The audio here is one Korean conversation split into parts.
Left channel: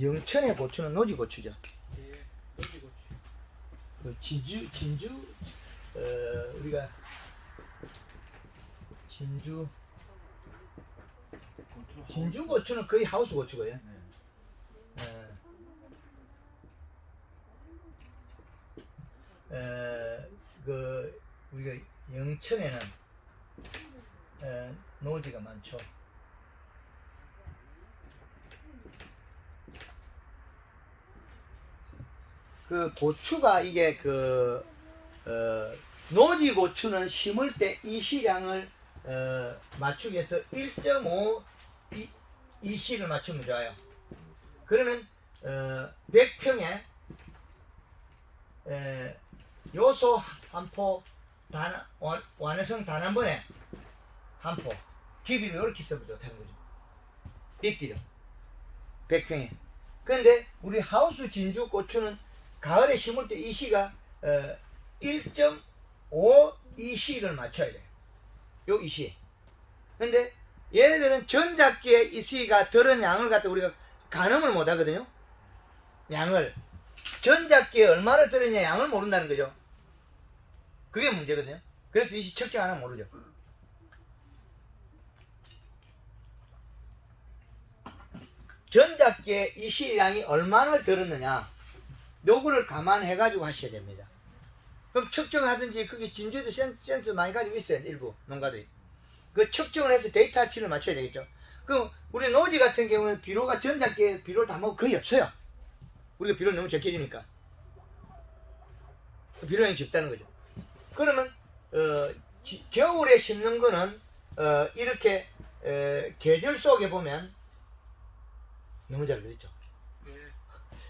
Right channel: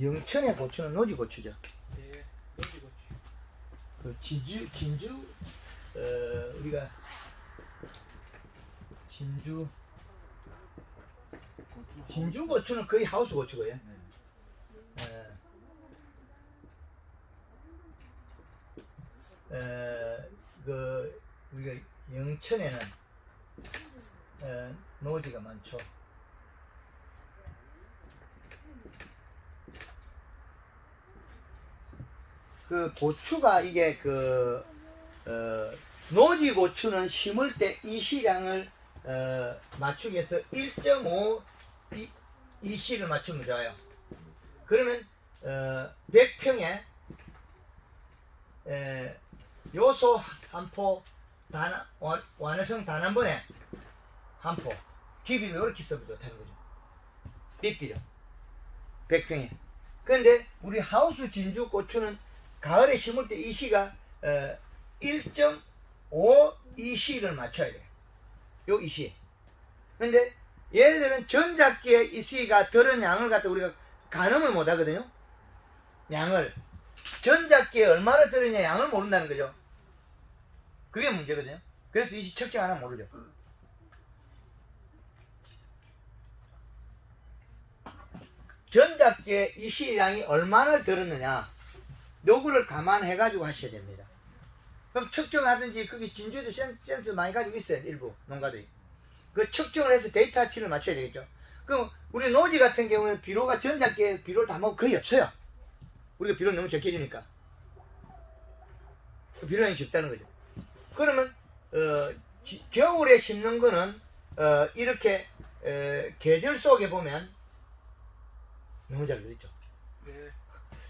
영천의 고추는 노지고추죠. 예, 노지고추. 그 진주 우리가 진주 고추는 거의 하우스 고추고요. 그 우리가 영천에는 노지가 많죠. 그 고추가 이게 노지 고추는 심을 때 이시량을 맞추기 위해서 1.5 이시를 맞추면 좋아요. 그러면 100평에 요소 한 포 완화성 단 한 번에 한 포 DB를 이렇게 써도 좋다는 거죠. 빗비료 100평에. 근데 우리 하우스 진주 고추는 가을에 심을 때 이시가 1.5 이시를 맞춰야 돼요. 요 이시. 근데 얘네들은 전작기에 이시가 들은 양을 갖다 우리가 가늠을 못 하거든요. 양을. 전작기에 얼마나 들었냐 양을 모른다는 거죠. 그게 문제거든요. 그래서 이시 측정 하나 모르죠. 전작기에 이시량이 얼마나 들었느냐 요거를 감안해 가지고 하셔야 됩니다. 그럼 측정하든지 그게 진주도 센스 많이 가지고 있어요. 일부 농가들이 그 측정을 해서 데이터 치를 맞춰야 되겠죠. 그럼 우리 노지 같은 경우는 비료가 전작기에 비료를 다 먹고 거의 없어요. 우리가 비료를 너무 적게 주니까 비료량이 적다는 거죠. 그러면 겨울에 심는 거는 이렇게 계절 속에 보면 너무 잘 그렸죠.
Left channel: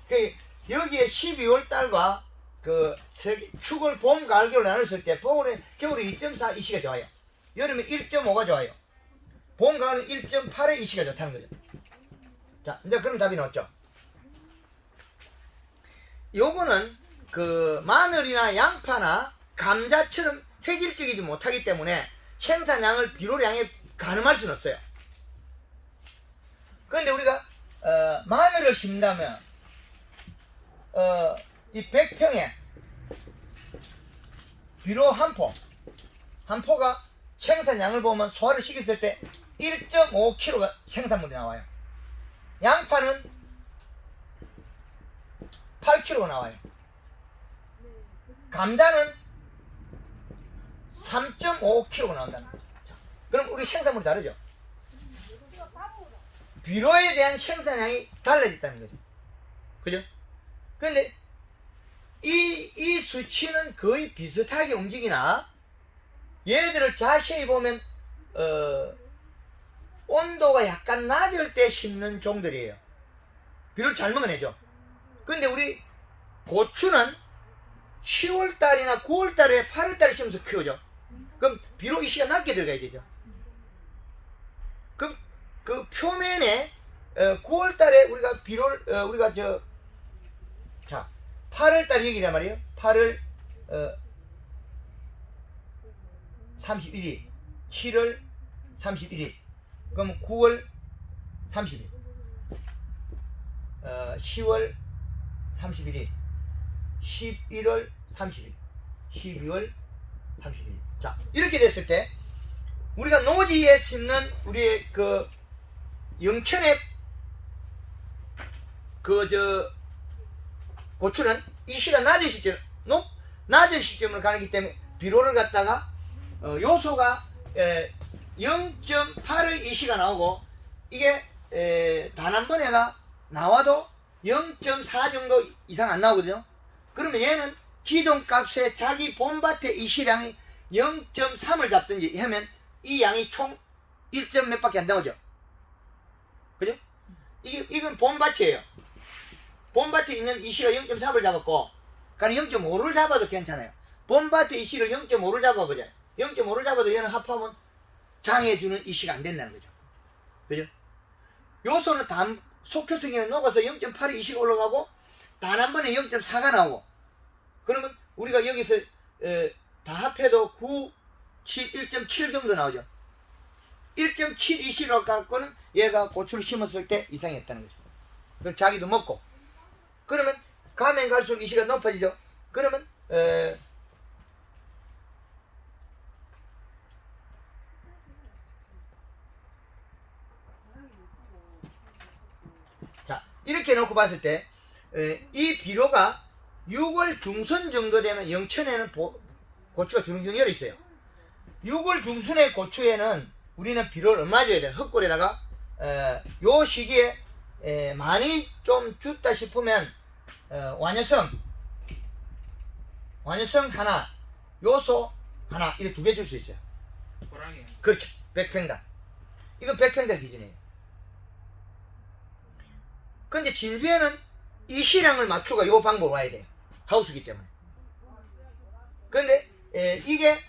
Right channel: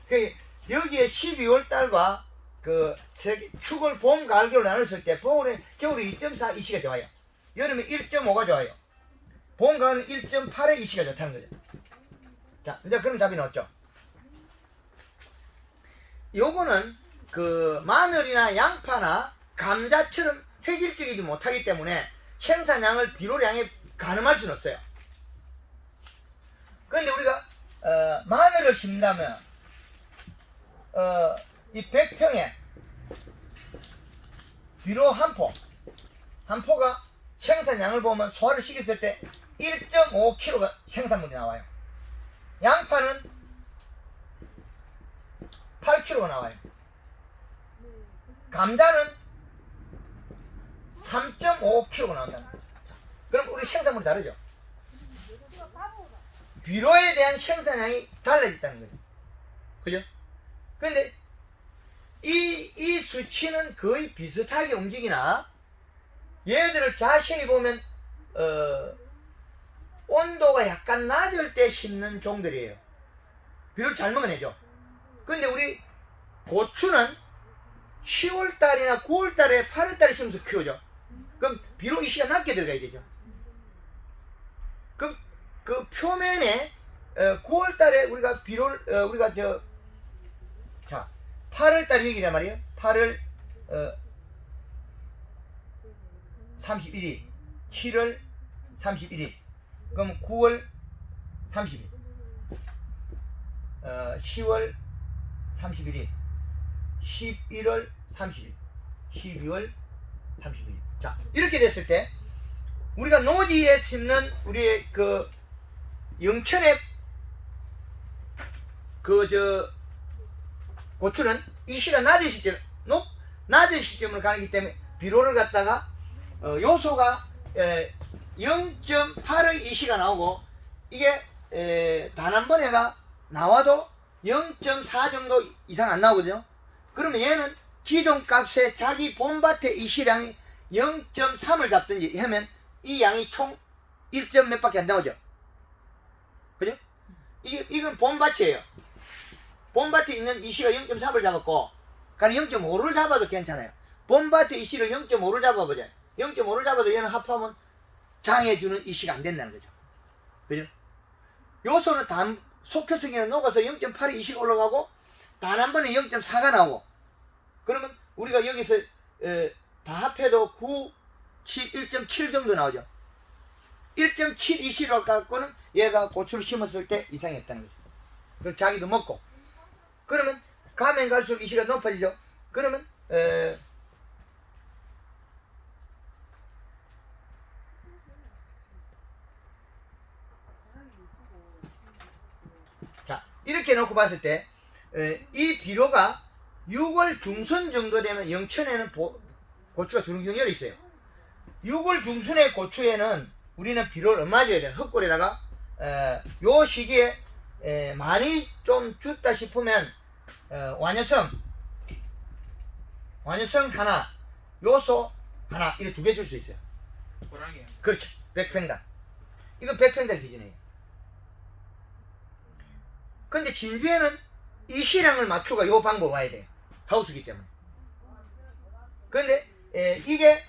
네. 여기에 12월 달과 축을 봄, 가을, 겨울 나눴을 때 겨울에 2.4 이시가 좋아요. 여름에 1.5가 좋아요. 봄, 가을은 1.8의 이시가 좋다는 거죠. 자, 이제 그럼 답이 나왔죠. 요거는 마늘이나 양파나 감자처럼 획일적이지 못하기 때문에 생산량을 비료량에 가늠할 수는 없어요. 그런데 우리가 마늘을 심다면 이 100평에 비료 한 포가 생산량을 보면 소화를 시켰을 때 1.5kg가 생산물이 나와요. 양파는 8kg가 나와요. 감자는 3.5kg가 나온다는 거죠. 그럼 우리 생산물이 다르죠. 비료에 대한 생산량이 달라졌다는 거죠. 그죠? 근데 이 수치는 거의 비슷하게 움직이나 얘들을 자세히 보면 온도가 약간 낮을 때 심는 종들이에요. 비료를 잘 먹어내죠. 근데 우리 고추는 10월달이나 9월달에 8월달에 심어서 키우죠. 그럼 비료 이시가 낮게 들어가야 되죠. 그럼 그 표면에 9월달에 우리가 비료를 우리가 8월달 얘기란 말이에요. 8월 31일, 7월 31일, 그럼 9월 30일, 10월 31일, 11월 30일, 12월 30일. 자, 이렇게 됐을 때 우리가 노지에 심는 우리의 영천의 고추는 이시가 낮은 시점을 가기 때문에 비료를 갖다가 요소가 0.8의 이시가 나오고 이게 단 한 번에가 나와도 0.4 정도 이상 안 나오거든요. 그러면 얘는 기존 값에 자기 봄밭의 이시량이 0.3을 잡든지 하면 이 양이 총 1점 몇 밖에 안 나오죠. 그죠? 이건 봄밭이에요. 봄밭에 있는 이시가 0.3을 잡았고, 그러니까 0.5를 잡아도 괜찮아요. 봄밭의 이시를 0.5를 잡아보자. 0.5를 잡아도 얘는 합하면 장해주는 이시가 안 된다는 거죠. 그죠? 요소는 속혀서 그냥 녹아서 0.8의 이시가 올라가고, 단 한 번에 0.4가 나오고, 그러면 우리가 여기서 다 합해도 9, 7, 1.7 정도 나오죠. 1.7 이시로 갖고는 얘가 고추를 심었을 때 이상이 없다는 거죠. 그럼 자기도 먹고. 그러면 가면 갈수록 이시가 높아지죠. 그러면 자, 이렇게 놓고 봤을 때 이 비료가 6월 중순 정도 되면 영천에는 고추가 주렁주렁 열어 있어요. 6월 중순의 고추에는 우리는 비료를 얼마 줘야 돼요? 흙골에다가 요 시기에 많이 좀 줬다 싶으면 완효성 하나, 요소 하나, 이렇게 2개 줄 수 있어요. 호랑이. 그렇죠. 100평당. 이건 100평당 기준이에요. 근데 진주에는 이 시량을 맞추고 요 방법 와야 돼요. 하우스기 때문에. 근데 이게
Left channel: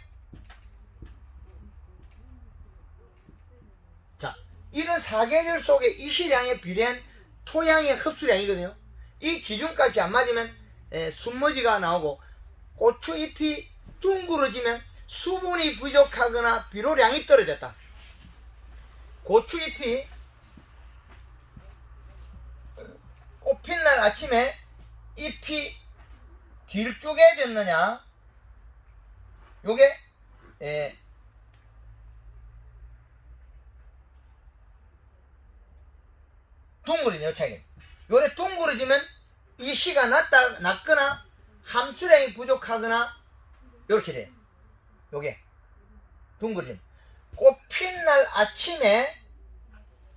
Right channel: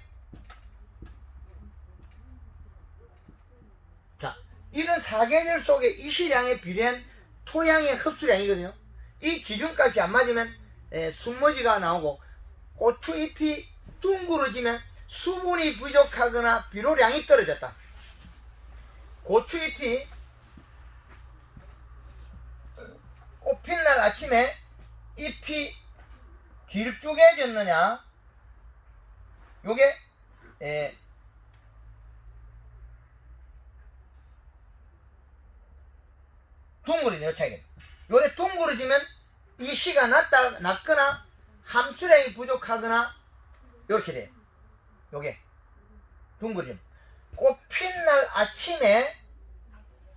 자, 이런 사계절 속에 이 시량에 비례한 토양의 흡수량이거든요. 이 기준값이 안 맞으면 순머지가 나오고 고추잎이 둥그러지면 수분이 부족하거나 비료량이 떨어졌다. 고추잎이 꽃핀 날 아침에 잎이 길쭉해졌느냐, 요게 둥그러지요, 차이. 요래 둥그러지면 이 씨가 낮거나 함수량이 부족하거나 요렇게 돼요. 요게 둥그러짐. 꽃핀 날 아침에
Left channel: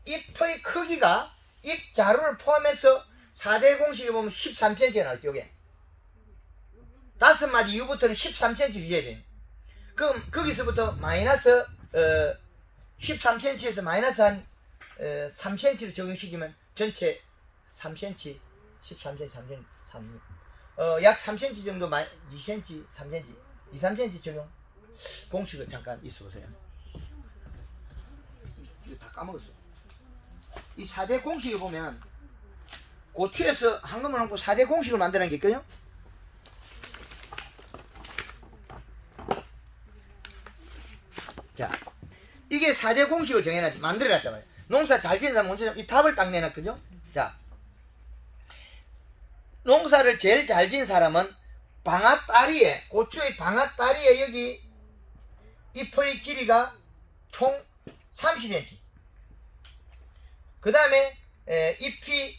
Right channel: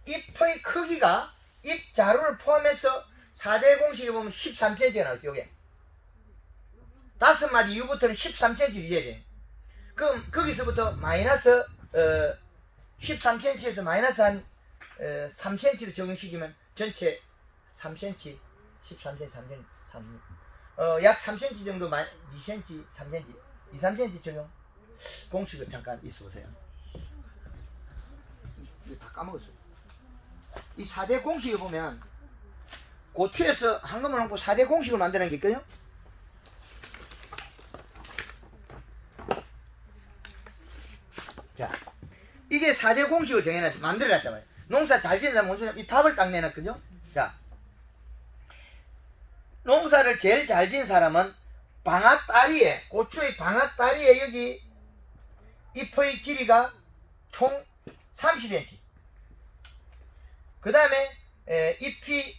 잎의 크기가 잎 자루를 포함해서 4대 공식에 보면 13cm가 나왔죠. 요게 5마디 이후부터는 13cm 유지해야 돼요. 그럼 거기서부터 마이너스 13cm에서 마이너스 한 3cm를 적용시키면 전체 3cm, 13cm, 3cm, 3, 약 3cm 정도, 2cm, 3cm, 2, 3cm 적용. 공식을 잠깐 있어보세요. 이거 다 까먹었어요. 이 4대 공식을 보면 고추에서 한꺼번에 놓고 4대 공식을 만드는 게 있거든요. 자, 이게 4대 공식을 만들어놨단 말이에요. 농사 잘 지은 사람 못지는 이 답을 딱 내놨거든요. 자, 농사를 제일 잘 지은 사람은 방앗다리에, 고추의 방앗다리에 여기 잎의 길이가 총 30cm. 그 다음에 잎이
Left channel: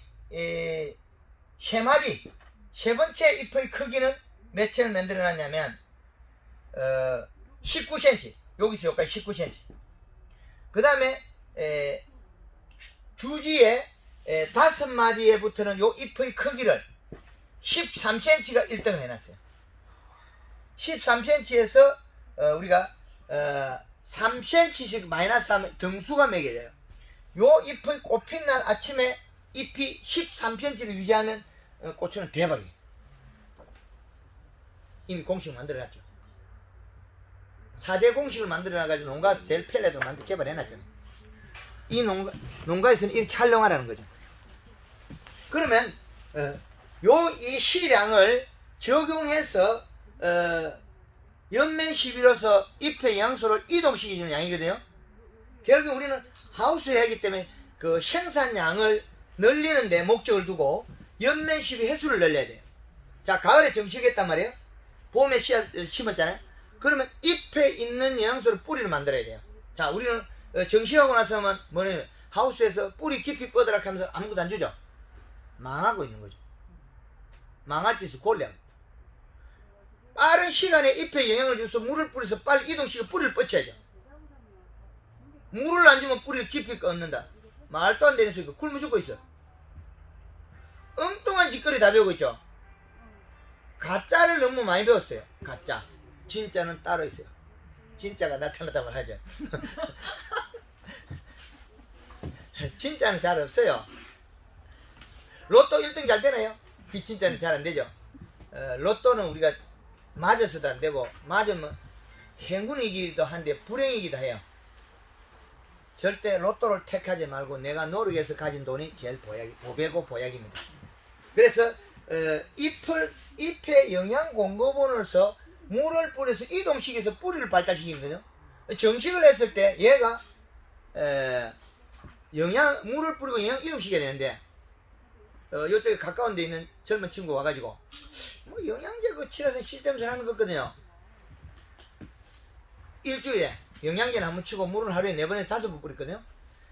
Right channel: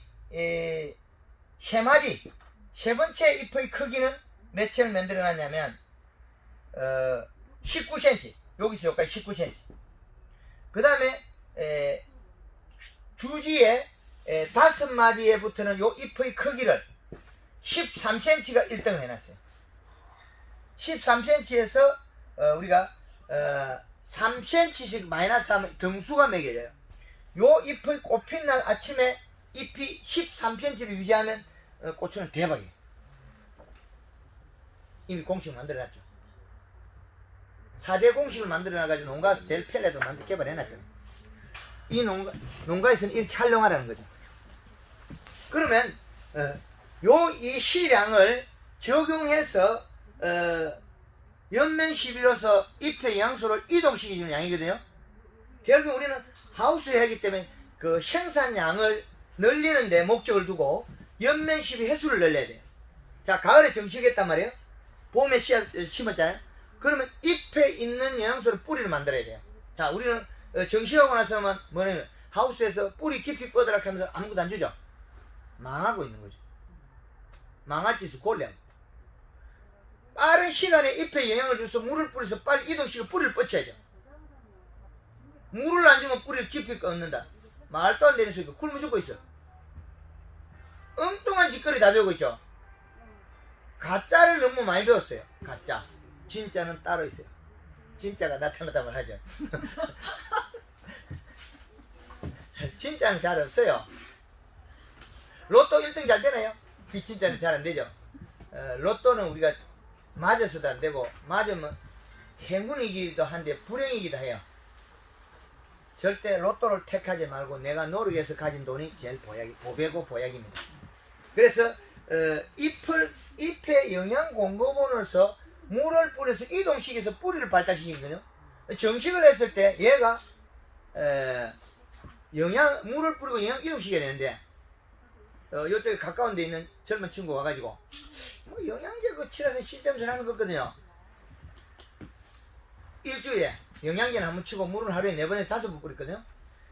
세 마디, 세 번째 잎의 크기는 몇 채를 만들어 놨냐면 19cm. 여기서 여기까지 19cm. 그 다음에 주지에 5마디에 붙는 요 잎의 크기를 13cm가 1등을 해놨어요. 13cm에서 우리가 3cm씩 마이너스 하면 등수가 매겨져요. 요 잎의 꽃핀 날 아침에 잎이 13cm를 유지하면 고추는 대박이에요. 이미 공식 만들어놨죠. 4대 공식을 만들어놔가지고 농가에서 제일 편리하도록 개발해놨잖아요. 이 농가에서는 이렇게 활용하라는 거죠. 그러면 이 시량을 적용해서 연면 시비로서 잎의 영양소를 이동시키는 양이거든요. 결국 우리는 하우스에 하기 때문에 그 생산량을 늘리는 데 목적을 두고 연면 시비 횟수를 늘려야 돼요. 자, 가을에 정식했단 말이에요. 봄에 심었잖아요. 그러면 잎에 있는 영양소를 뿌리를 만들어야 돼요. 자, 우리는 정식하고 나서는 뭐냐면 하우스에서 뿌리 깊이 뻗으라고 하면서 아무것도 안 주죠. 망하고 있는 거죠. 망할 짓을 골래. 빠른 시간에 잎에 영향을 줘서 물을 뿌려서 빨리 이동시켜 뿌리를 뻗쳐야죠. 물을 안 주면 뿌리를 깊이 꺾는다. 말도 안 되는 소리가 굶어 죽고 있어. 엉뚱한 짓거리 다 배우고 있죠. 가짜를 너무 많이 배웠어요. 가짜. 진짜는 따로 있어요. 진짜가 나타났다고 하죠. 진짜는 잘 없어요. 로또 1등 잘 되나요? 그 진짜는 잘 안 되죠. 로또는 우리가 맞아서도 안 되고, 맞으면 행운이기도 한데 불행이기도 해요. 절대 로또를 택하지 말고 내가 노력해서 가진 돈이 제일 보배고 보약입니다. 그래서 잎에 영양 공급원으로서 물을 뿌려서 이동시켜서 뿌리를 발달시키거든요. 정식을 했을 때 얘가 물을 뿌리고 영양 이동시켜야 되는데 이쪽에 가까운 데 있는 젊은 친구 와가지고 뭐 영양제 그 치료해서 시스템 하는 거거든요. 일주일에 영양제는 한 번 치고 물은 하루에 4번에서 5번 뿌렸거든요.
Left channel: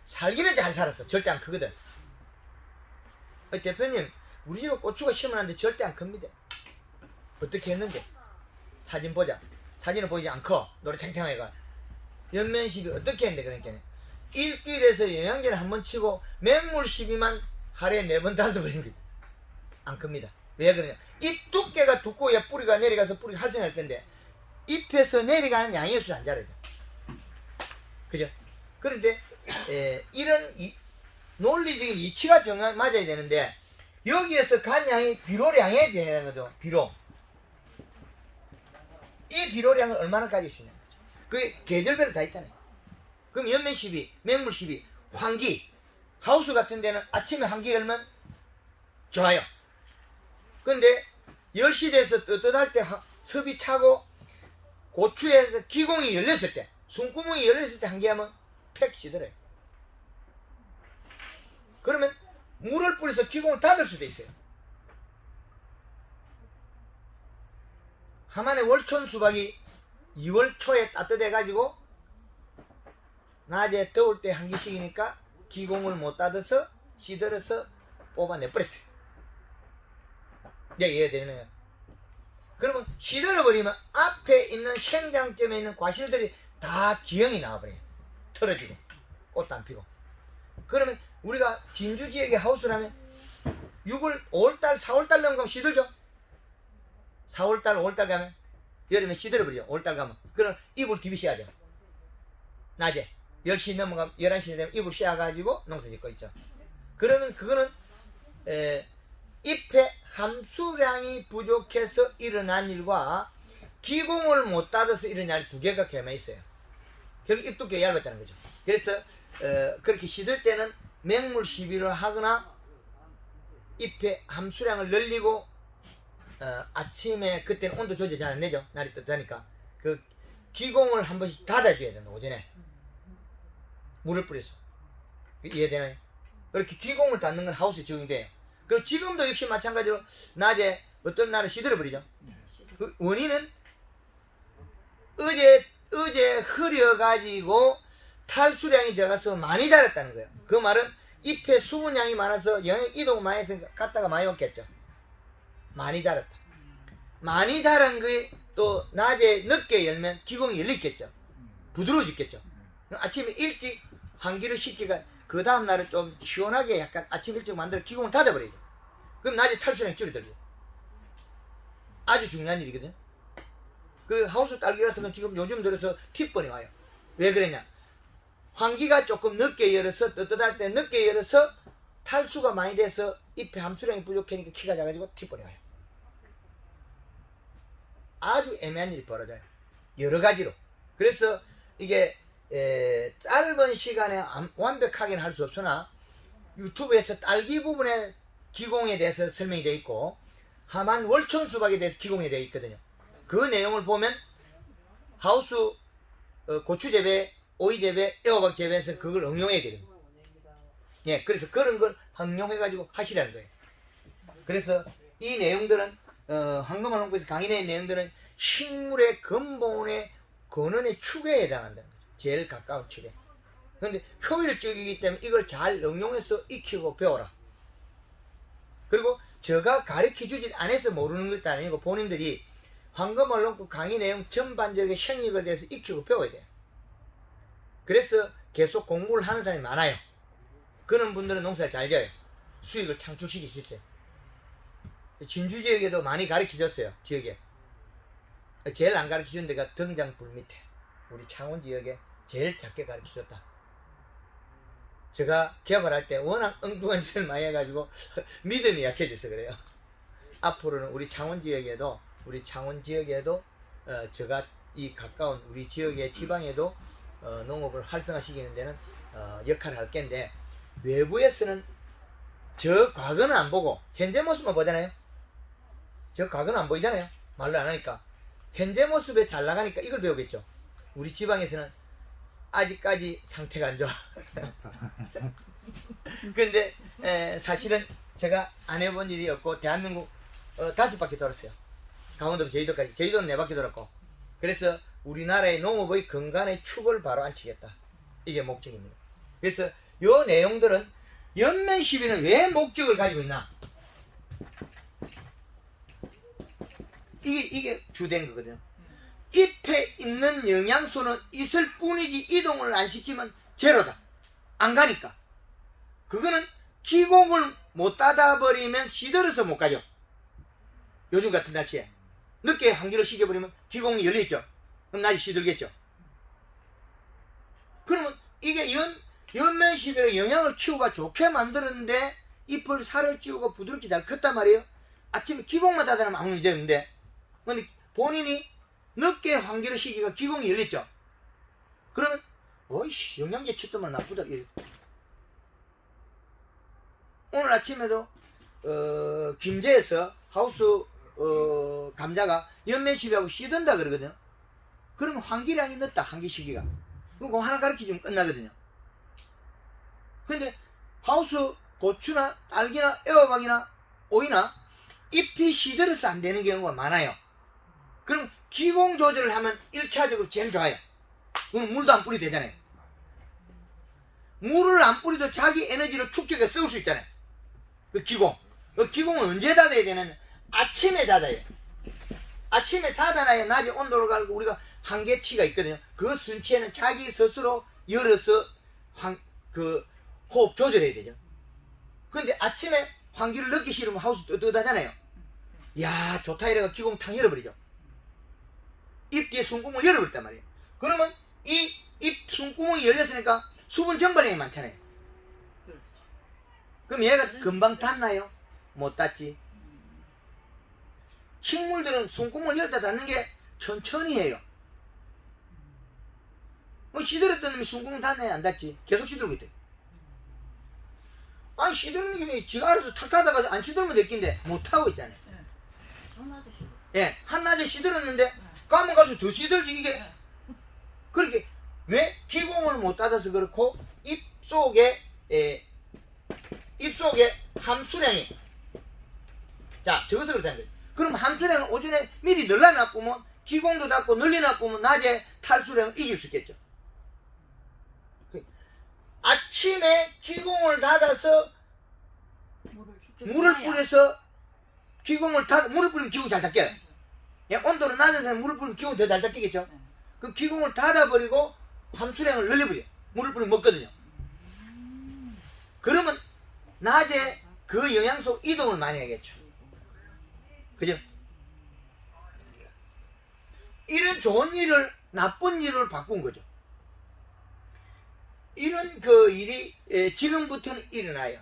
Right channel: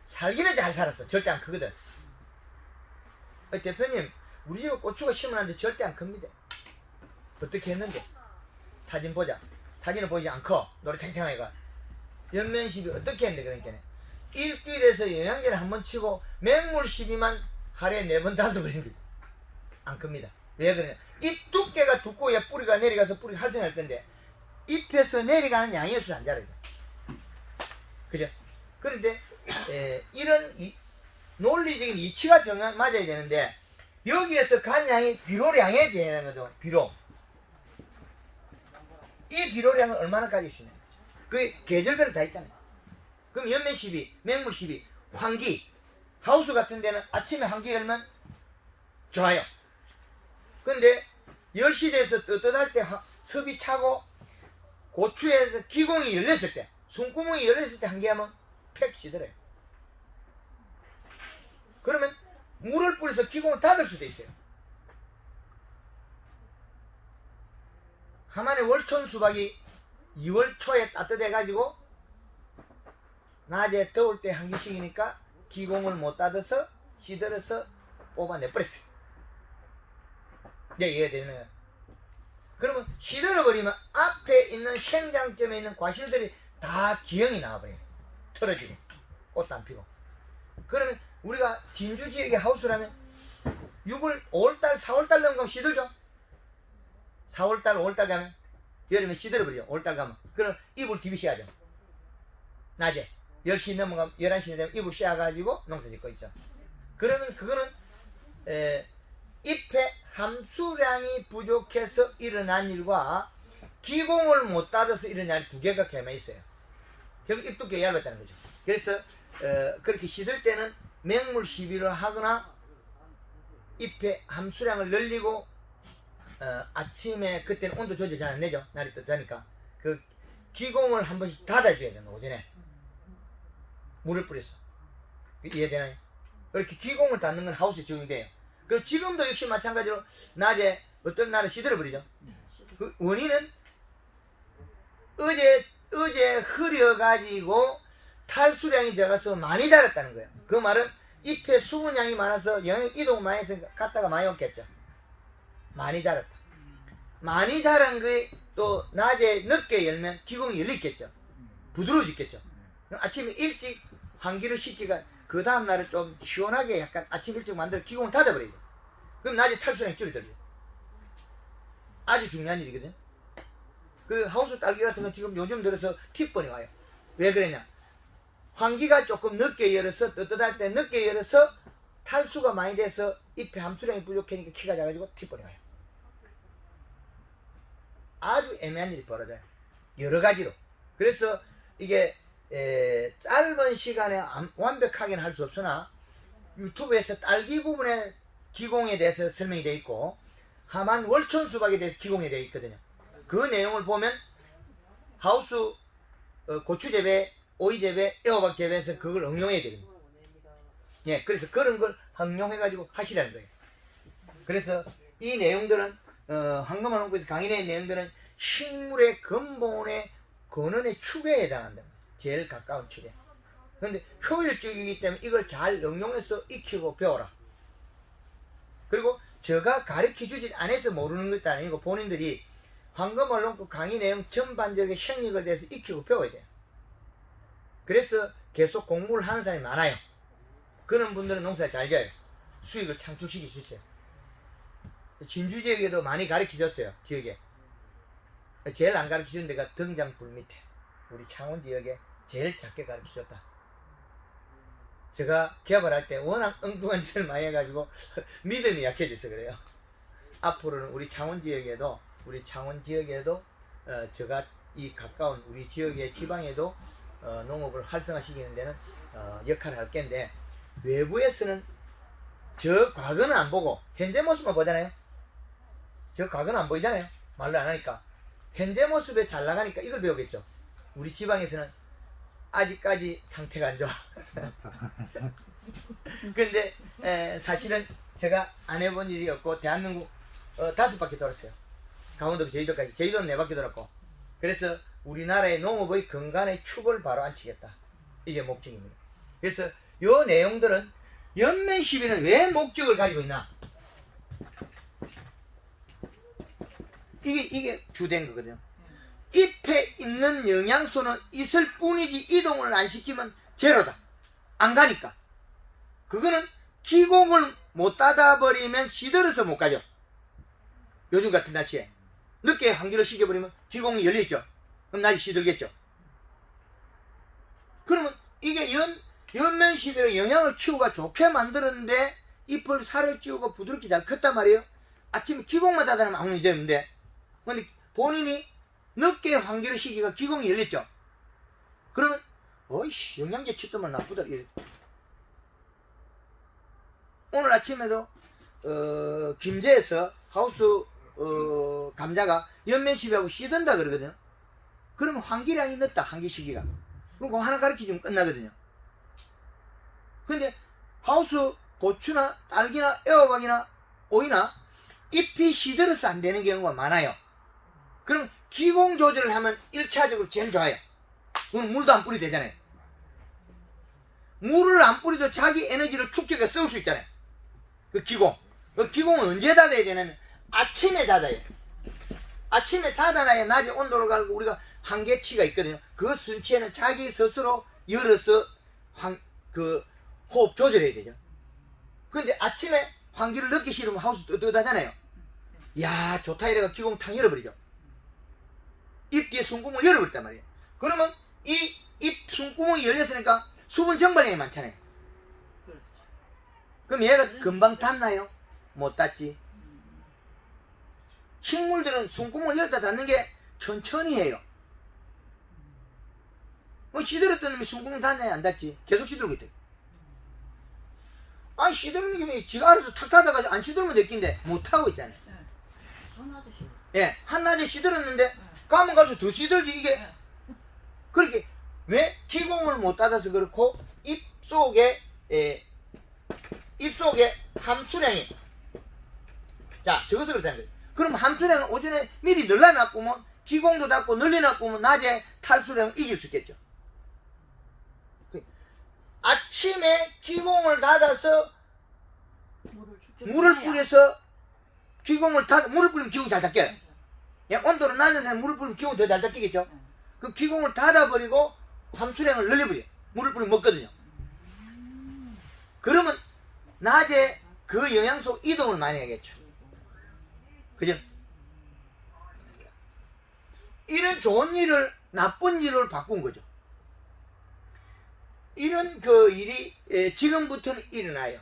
살기는 잘 살았어. 절대 안 크거든. 대표님 우리 집에 고추가 심어놨는데 절대 안 큽니다. 어떻게 했는데? 사진 보자. 사진은 보이지 않고 노래탱탱하게 연면식이 어떻게 했는데 그러니까 일주일에서 영양제를 한 번 치고 맹물 시비만 하루에 4번 5번 안 큽니다. 왜 그러냐? 잎 두께가 두꺼워야 뿌리가 내려가서 뿌리가 활성할 건데 잎에서 내려가는 양이 없어서 안 자라요. 그죠? 그런데 이런 논리적인 이치가 맞아야 되는데 여기에서 간 양이 비료량에 되는 거죠. 비료. 이 비료량을 얼마나 가지고 있느냐. 그게 계절별로 다 있잖아요. 그럼 연면 시비, 맹물 시비, 환기, 하우스 같은 데는 아침에 환기 열면 좋아요. 근데 10시 돼서 떳떳할 때 섭이 차고 고추에서 기공이 열렸을 때, 숨구멍이 열렸을 때 환기하면 팩 시들어요. 그러면 물을 뿌려서 기공을 닫을 수도 있어요. 하나의 월촌 수박이 2월 초에 따뜻해가지고 낮에 더울 때 환기식이니까 기공을 못 닫아서 시들어서 뽑아내버렸어요. 이제 이해되는 거예요. 그러면 시들어버리면 앞에 있는 생장점에 있는 과실들이 다 기형이 나와버려요. 털어지고 꽃도 안 피고. 그러면 우리가 진주 지역의 하우스라면 6월, 5월달, 4월달 넘으면 시들죠. 4월달, 5월달 가면 여름에 시들어버리죠. 5월달 가면. 그럼 이불 디비셔야죠. 낮에 10시 넘어가면 11시 되면 이불 씌워가지고 농사 짓고 있죠. 그러면 그거는 잎의 함수량이 부족해서 일어난 일과 기공을 못 닫아서 일어난 일 두 개가 결합해 있어요. 결국 잎 두께가 얇았다는 거죠. 그래서 그렇게 시들 때는 맹물 시비를 하거나 잎의 함수량을 늘리고 아침에 그때는 온도 조절 잘 안 되죠. 날이 뜨니까 그 기공을 한 번씩 닫아줘야 된다. 오전에 물을 뿌려서. 이해되나요? 그렇게 기공을 닫는 건 하우스 적용돼요. 그 지금도 역시 마찬가지로 낮에 어떤 날은 시들어버리죠. 그 원인은 어제 흐려가지고 탈수량이 들어가서 많이 자랐다는 거예요. 그 말은 잎에 수분량이 많아서 영역 이동 많이 해서 갔다가 많이 왔겠죠. 많이 자랐다. 많이 자란 게 또 낮에 늦게 열면 기공이 열리겠죠. 부드러워지겠죠. 아침에 일찍 환기를 시키가 그 다음날은 좀 시원하게 약간 아침 일찍 만들어 기공을 닫아버리죠. 그럼 낮에 탈수량이 줄어들죠. 아주 중요한 일이거든요. 그 하우스 딸기 같은 건 지금 요즘 들어서 팁번이 와요. 왜 그러냐? 환기가 조금 늦게 열어서 떳떳할 때 늦게 열어서 탈수가 많이 돼서 잎의 함수량이 부족하니까 키가 작아지고 팁번이 와요. 아주 애매한 일이 벌어져요. 여러 가지로. 그래서 이게 짧은 시간에 완벽하게는 할 수 없으나 유튜브에서 딸기 부분에 기공에 대해서 설명이 되어 있고 하만 월촌 수박에 대해서 기공이 되어 있거든요. 그 내용을 보면 하우스 고추 재배, 오이 재배, 애호박 재배에서 그걸 응용해야 됩니다. 예, 그래서 그런 걸 응용해가지고 하시라는 거예요. 그래서 이 내용들은 황금알 농부에서 강의된 내용들은 식물의 근본의 근원의 축에 해당한다는 거죠. 제일 가까운 축에. 그런데 효율적이기 때문에 이걸 잘 응용해서 익히고 배워라. 그리고 제가 가르쳐주지 않아서 모르는 것도 아니고 본인들이 황금알 농부 강의 내용 전반적인 생육을 대해서 익히고 배워야 돼요. 그래서 계속 공부를 하는 사람이 많아요. 그런 분들은 농사를 잘 지어요. 수익을 창출시킬 수 있어요. 진주 지역에도 많이 가르쳐줬어요. 지역에. 제일 안 가르쳐준 데가 등장불 밑에. 우리 창원 지역에 제일 작게 가르쳐줬다. 제가 개발할 때 워낙 엉뚱한 짓을 많이 해가지고 믿음이 약해져서 그래요. 앞으로는 우리 창원 지역에도 제가 이 가까운 우리 지역의 지방에도 농업을 활성화시키는 데는 역할을 할 건데 외부에서는 저 과거는 안 보고 현재 모습만 보잖아요. 저 과거는 안 보이잖아요. 말로 안 하니까. 현재 모습에 잘 나가니까 이걸 배우겠죠. 우리 지방에서는 아직까지 상태가 안 좋아. 근데 사실은 제가 안 해본 일이 없고 대한민국 5바퀴 돌았어요. 강원도 제주도까지. 제주도는 4바퀴 돌았고. 그래서 우리나라의 농업의 근간의 축을 바로 앉히겠다. 이게 목적입니다. 그래서 요 내용들은 연면 시비는 왜 목적을 가지고 있나? 이게 주된 거거든요. 잎에 있는 영양소는 있을 뿐이지 이동을 안 시키면 제로다. 안 가니까. 그거는 기공을 못 닫아버리면 시들어서 못 가죠. 요즘 같은 날씨에. 늦게 환기를 시켜버리면 기공이 열려있죠. 그럼 낮에 시들겠죠. 그러면 이게 연면 시비로 영양을 키우가 좋게 만들었는데 잎을 살을 찌우고 부드럽게 잘 컸단 말이에요. 아침에 기공만 닫아놓으면 아무 문제 없는데 근데 본인이 늦게 환기를 시키가 기공이 열렸죠. 그러면 어이씨 영양제 쳤더만 나쁘다 이래. 오늘 아침에도 김제에서 하우스 감자가 연면 시비하고 씨든다 그러거든요. 그러면 환기량이 늦다. 환기 시기가. 그거 하나 가르치면 끝나거든요. 근데 하우스 고추나 딸기나 애호박이나 오이나 잎이 시들어서 안 되는 경우가 많아요. 그럼 기공 조절을 하면 1차적으로 제일 좋아요. 그건 물도 안 뿌리도 되잖아요. 물을 안 뿌리도 자기 에너지를 축적해 쓸 수 있잖아요. 그 기공. 그 기공은 언제 닫아야 되냐면 아침에 닫아요. 아침에 닫아놔야 낮에 온도를 갈고 우리가 한계치가 있거든요. 그 순치에는 자기 스스로 열어서 호흡 조절해야 되죠. 근데 아침에 환기를 늦게 실으면 하우스 뜨뜻하잖아요. 야 좋다 이래가 기공 탕 열어버리죠. 잎 뒤에 숨구멍을 열어버렸단 말이에요. 그러면 이 잎 숨구멍이 열렸으니까 수분 증발량이 많잖아요. 그럼 얘가 금방 닿나요? 못 닿지. 식물들은 숨구멍을 열다 닫는 게 천천히 해요. 시들었던 놈이 숨구멍 닿나요? 안 닿지. 계속 시들고 있대. 아 시들는 게 지가 알아서 탁 닫아가지고 안 시들면 됐긴데 못하고 있잖아요. 예, 한낮에 시들었는데 까면 갈수록 더 시들지 이게. 그렇게 왜 기공을 못 닫아서 그렇고 잎 속에 함수량이 자 저것을 그렇다는 거예요. 그럼 함수량은 오전에 미리 늘려놔보면 기공도 닫고 늘려놔보면 낮에 탈수량을 이길 수 있겠죠. 아침에 기공을 닫아서 물을 뿌려서 기공을 닫아 물을 뿌리면 기공이 잘 닫혀요. 예, 온도는 낮아서 물을 뿌리면 기공이 더 잘 닫히겠죠. 그럼 기공을 닫아버리고 함수량을 늘려버려. 물을 뿌리면 먹거든요. 그러면 낮에 그 영양소 이동을 많이 하겠죠. 그죠? 이런 좋은 일을 나쁜 일을 바꾼 거죠. 이런 그 일이 지금부터는 일어나요.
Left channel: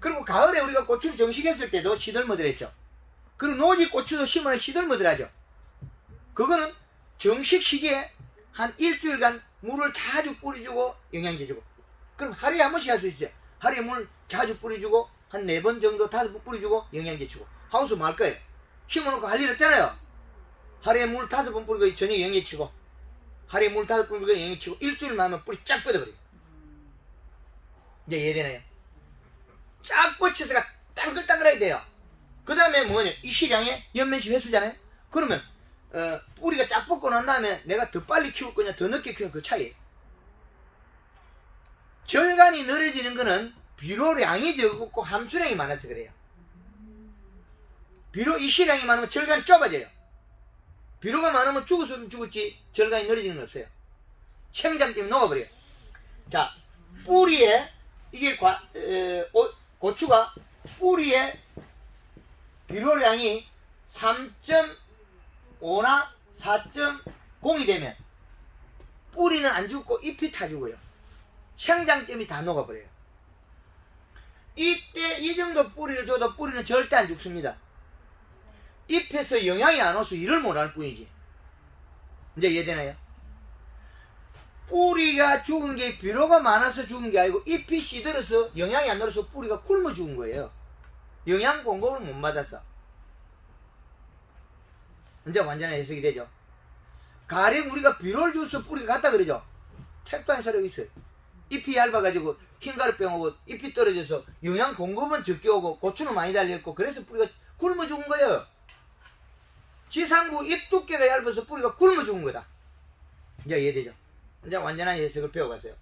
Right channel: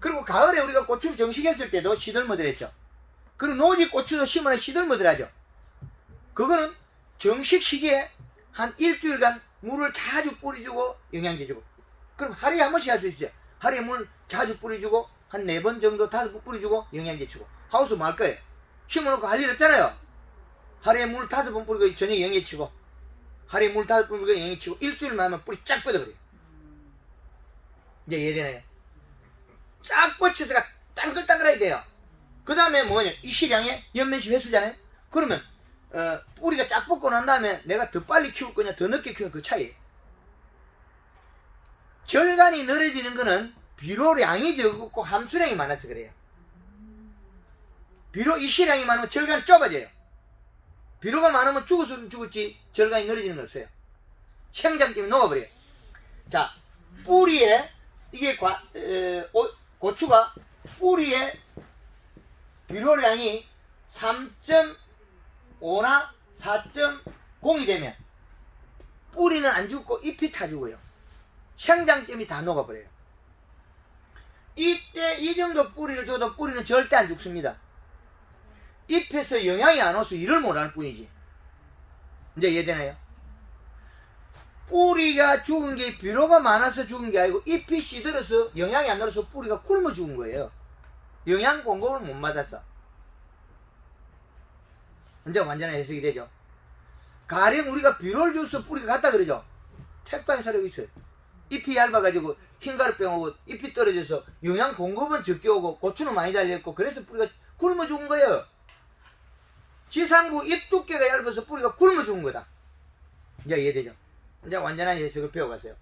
그리고 가을에 우리가 고추를 정식했을 때도 시들머들 했죠. 그리고 노지 고추도 심으면 시들머들 하죠. 그거는 정식 시기에 한 일주일간 물을 자주 뿌려주고 영양제 주고. 그럼 하루에 한 번씩 할 수 있어요. 하루에 물 자주 뿌려주고 한 4번 정도 5번 뿌려주고 영양제 주고. 하우스 뭐 할 거예요? 심어놓고 할 일 없잖아요. 하루에 물 5번 뿌리고 저녁에 영양제 치고 하루에 물 5번 뿌리고 영양제 치고 일주일만 하면 뿌리 쫙 뻗어버려요. 이제 이해되나요? 쫙 뻗쳐서가 땅글땅글하게 돼요. 그 다음에 뭐냐 이 시량에 연면시 회수잖아요. 그러면 뿌리가 쫙 뻗고 난 다음에 내가 더 빨리 키울 거냐 더 늦게 키우는 그 차이예요. 절간이 늘어지는 거는 비료량이 적고 함수량이 많아서 그래요. 비료 이 시량이 많으면 절간이 좁아져요. 비료가 많으면 죽었으면 죽었지 절간이 늘어지는 건 없어요. 생장 때문에 녹아버려요. 자 뿌리에 이게 고추가 뿌리에 비료량이 3.5나 4.0이 되면 뿌리는 안 죽고 잎이 타 죽어요. 생장점이 다 녹아버려요. 이때 이 정도 뿌리를 줘도 뿌리는 절대 안 죽습니다. 잎에서 영양이 안 와서 일을 못할 뿐이지. 이제 이해되나요? 뿌리가 죽은 게 비료가 많아서 죽은 게 아니고 잎이 시들어서 영양이 안 들어서 뿌리가 굶어 죽은 거예요. 영양 공급을 못 받아서. 이제 완전한 해석이 되죠. 가령 우리가 비료를 줘서 뿌리가 갔다 그러죠. 택도 안 사려고 있어요. 잎이 얇아가지고 흰가루병 오고 잎이 떨어져서 영양 공급은 적게 오고 고추는 많이 달려있고 그래서 뿌리가 굶어 죽은 거예요. 지상부 잎 두께가 얇아서 뿌리가 굶어 죽은 거다. 이제 이해되죠? 이제 완전한 해석을 배워가세요.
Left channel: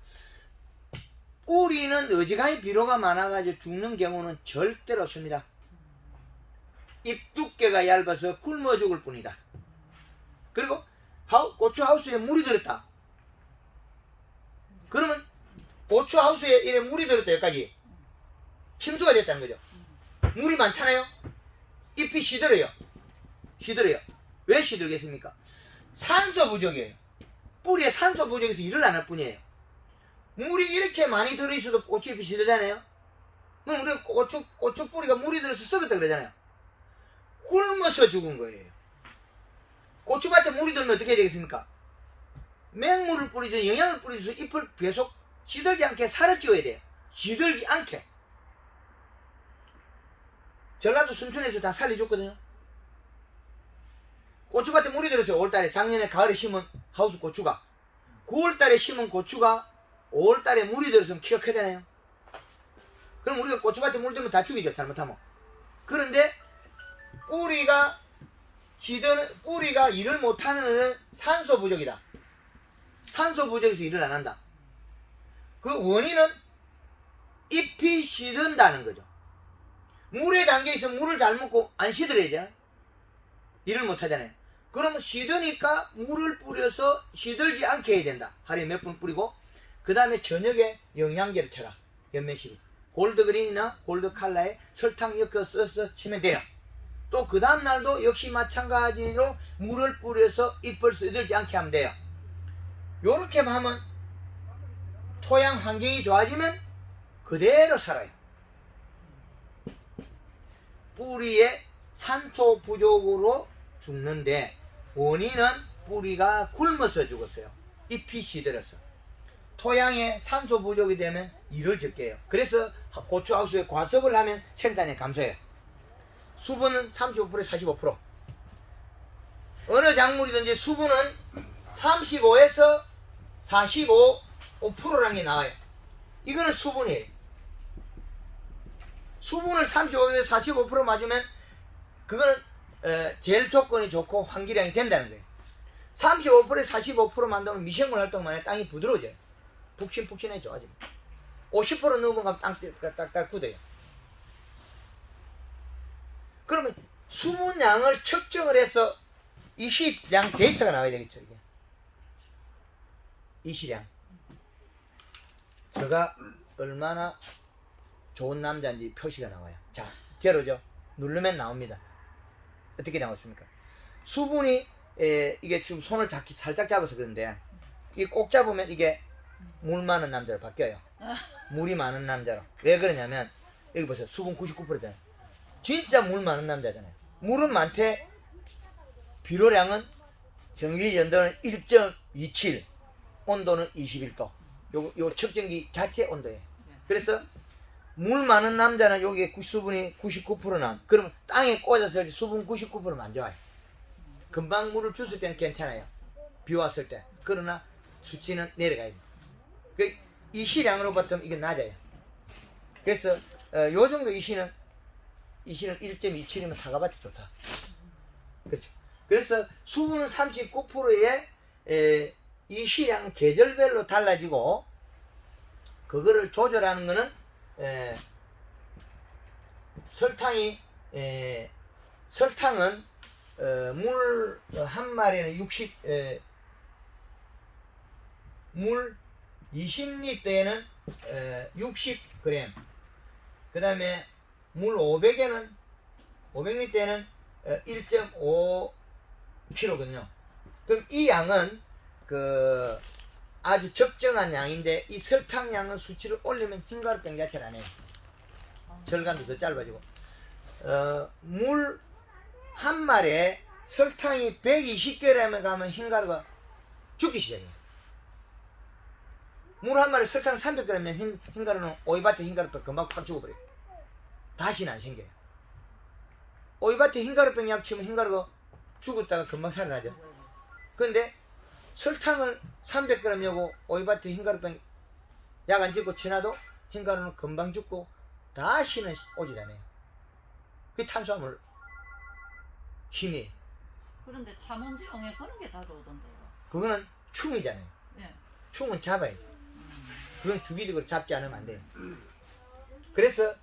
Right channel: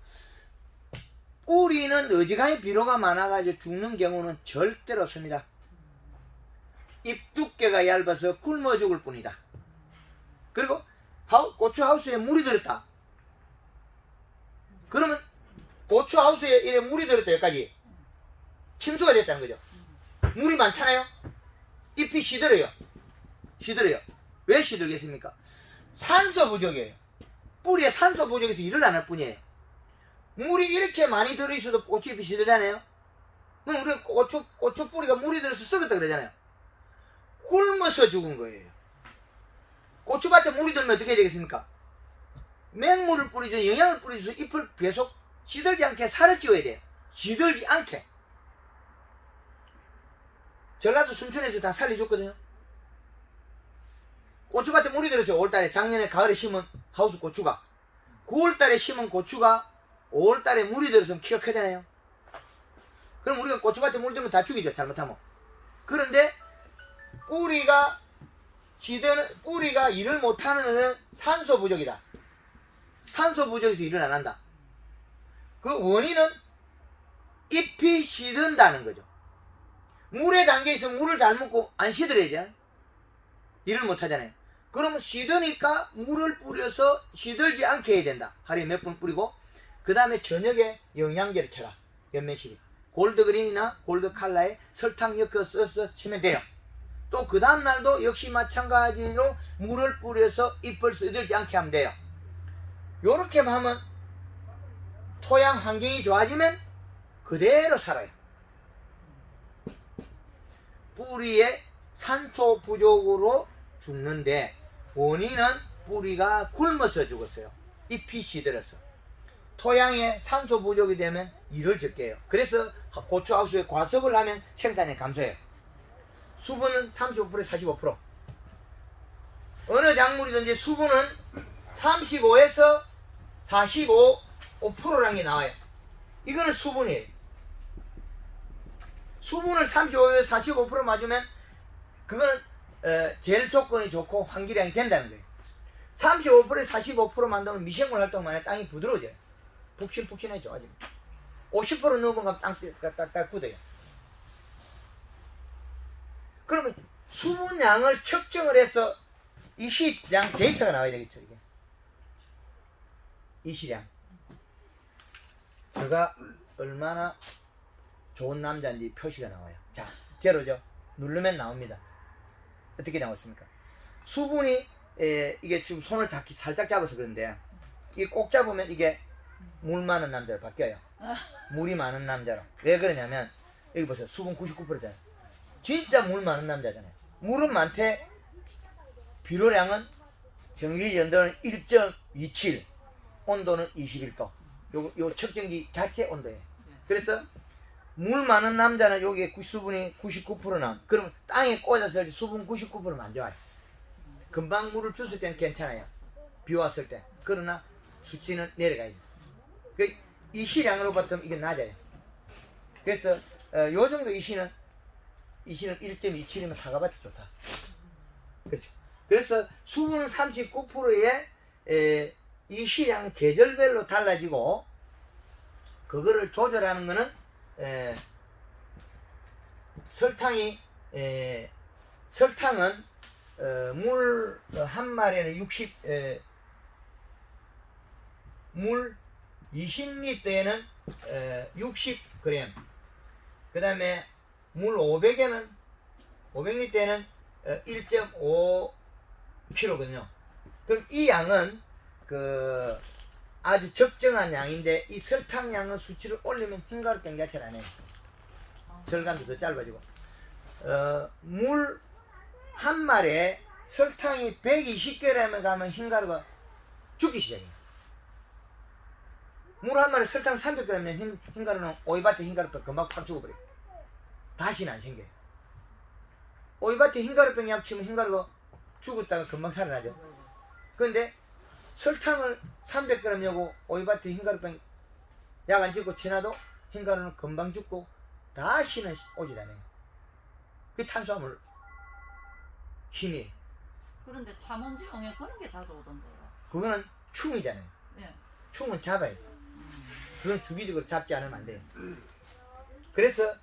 뿌리는 어지간히 비료가 많아가지고 죽는 경우는 절대로 없습니다. 잎 두께가 얇아서 굶어 죽을 뿐이다. 그리고 고추 하우스에 물이 들었다. 그러면 고추 하우스에 이래 물이 들었다. 여기까지 침수가 됐다는 거죠. 물이 많잖아요. 잎이 시들어요. 왜 시들겠습니까? 산소 부족이에요. 뿌리에 산소 부족해서 일을 안 할 뿐이에요. 물이 이렇게 많이 들어있어도 고추잎이 시들잖아요. 그럼 우리 고추 뿌리가 물이 들어서 썩었다 그러잖아요. 굶어서 죽은 거예요. 고추밭에 물이 들면 어떻게 되겠습니까? 맹물을 뿌리죠. 영양을 뿌리죠. 잎을 계속 시들지 않게 살을 찌워야 돼요. 시들지 않게. 전라도 순천에서 다 살려줬거든요. 고추밭에 물이 들어서 5월달에 작년에 가을에 심은 하우스 고추가 9월달에 심은 고추가 5월달에 물이 들어서 키가 크잖아요. 그럼 우리가 고추밭에 물 들면 다 죽이죠. 잘못하면. 그런데 뿌리가 일을 못하는 산소 부족이다. 산소 부족에서 일을 안 한다. 그 원인은 잎이 시든다는 거죠. 물에 담겨있어 물을 잘 먹고 안 시들어야죠. 일을 못하잖아요. 그러면 시드니까 물을 뿌려서 시들지 않게 해야 된다. 하루에 몇 번 뿌리고 그 다음에 저녁에 영양제를 쳐라. 연면실이 골드그린이나 골드칼라에 설탕 엮어서 써서 치면 돼요. 또 그 다음날도 역시 마찬가지로 물을 뿌려서 잎을 시들지 않게 하면 돼요. 요렇게 하면 토양 환경이 좋아지면 그대로 살아요. 뿌리에 산소 부족으로 죽는데 원인은 뿌리가 굶어서 죽었어요. 잎이 시들어서. 토양에 산소 부족이 되면 일을 적게 해요. 그래서 고추하우스에 과습을 하면 생산이 감소해요. 수분은 35%, 45%. 어느 작물이든지 수분은 35에서 45%라는 게 나와요. 이거는 수분이에요. 수분을 35에서 45% 맞으면 그거는 제일 조건이 좋고 환기량이 된다는 거예요. 35%에 45% 만들면 미생물 활동만 해 땅이 부드러워져요. 푹신푹신해 좋아집니다. 50% 넘어가면 땅가 딱딱 굳어요. 그러면 수분량을 측정을 해서 이시량 데이터가 나와야 되겠죠. 이게. 이시량. 제가 얼마나 좋은 남자인지 표시가 나와요. 자, 제로죠. 누르면 나옵니다. 어떻게 나왔습니까? 수분이 이게 지금 손을 살짝 잡아서 그런데 이게 꼭 잡으면 이게 물 많은 남자로 바뀌어요. 물이 많은 남자로. 왜 그러냐면 여기 보세요. 수분 99%잖아요. 진짜 물 많은 남자잖아요. 물은 많대. 비료량은 정기 연도는 1.27, 온도는 21도. 요 측정기 자체 온도예요. 그래서 물 많은 남자는 여기에 수분이 99% 남. 그럼 땅에 꽂았을 때 수분 99%면 안 좋아요. 금방 물을 줬을 때는 괜찮아요. 비 왔을 때. 그러나 수치는 내려가야 돼요. 이 시량으로 봤더니 이게 낮아요. 그래서 요 정도 이시는 1.27이면 사과밭이 좋다. 그렇죠. 그래서 수분은 39%에 이 시량 계절별로 달라지고 그거를 조절하는 거는 설탕은 물 한 마리에는 물 20리터에는 60g, 그 다음에 물 500리터에는 1.5kg거든요. 그럼 이 양은 아주 적정한 양인데 이 설탕량은 수치를 올리면 흰가루병 자체를 안 해요. 절간도 더 짧아지고 물 한 마리에 설탕이 120g에 가면 흰가루가 죽기 시작해요. 물 한 마리에 설탕 300g이면 흰가루는 오이밭에 흰가루병 금방 팍 죽어버려요. 다시는 안 생겨요. 오이밭에 흰가루병 약 치면 흰가루가 죽었다가 금방 살아나죠. 그런데 설탕을 300g 여고 오이밭에 흰가루병 약 안 찍고 지나도 흰가루는 금방 죽고 다시는 오질 않아요. 그 탄수화물 힘이. 그런데 참원지용에 그런 게 자주 오던데요. 그거는 충이잖아요. 예. 충은 잡아야죠. 그건 주기적으로 잡지 않으면 안 돼요. 그래서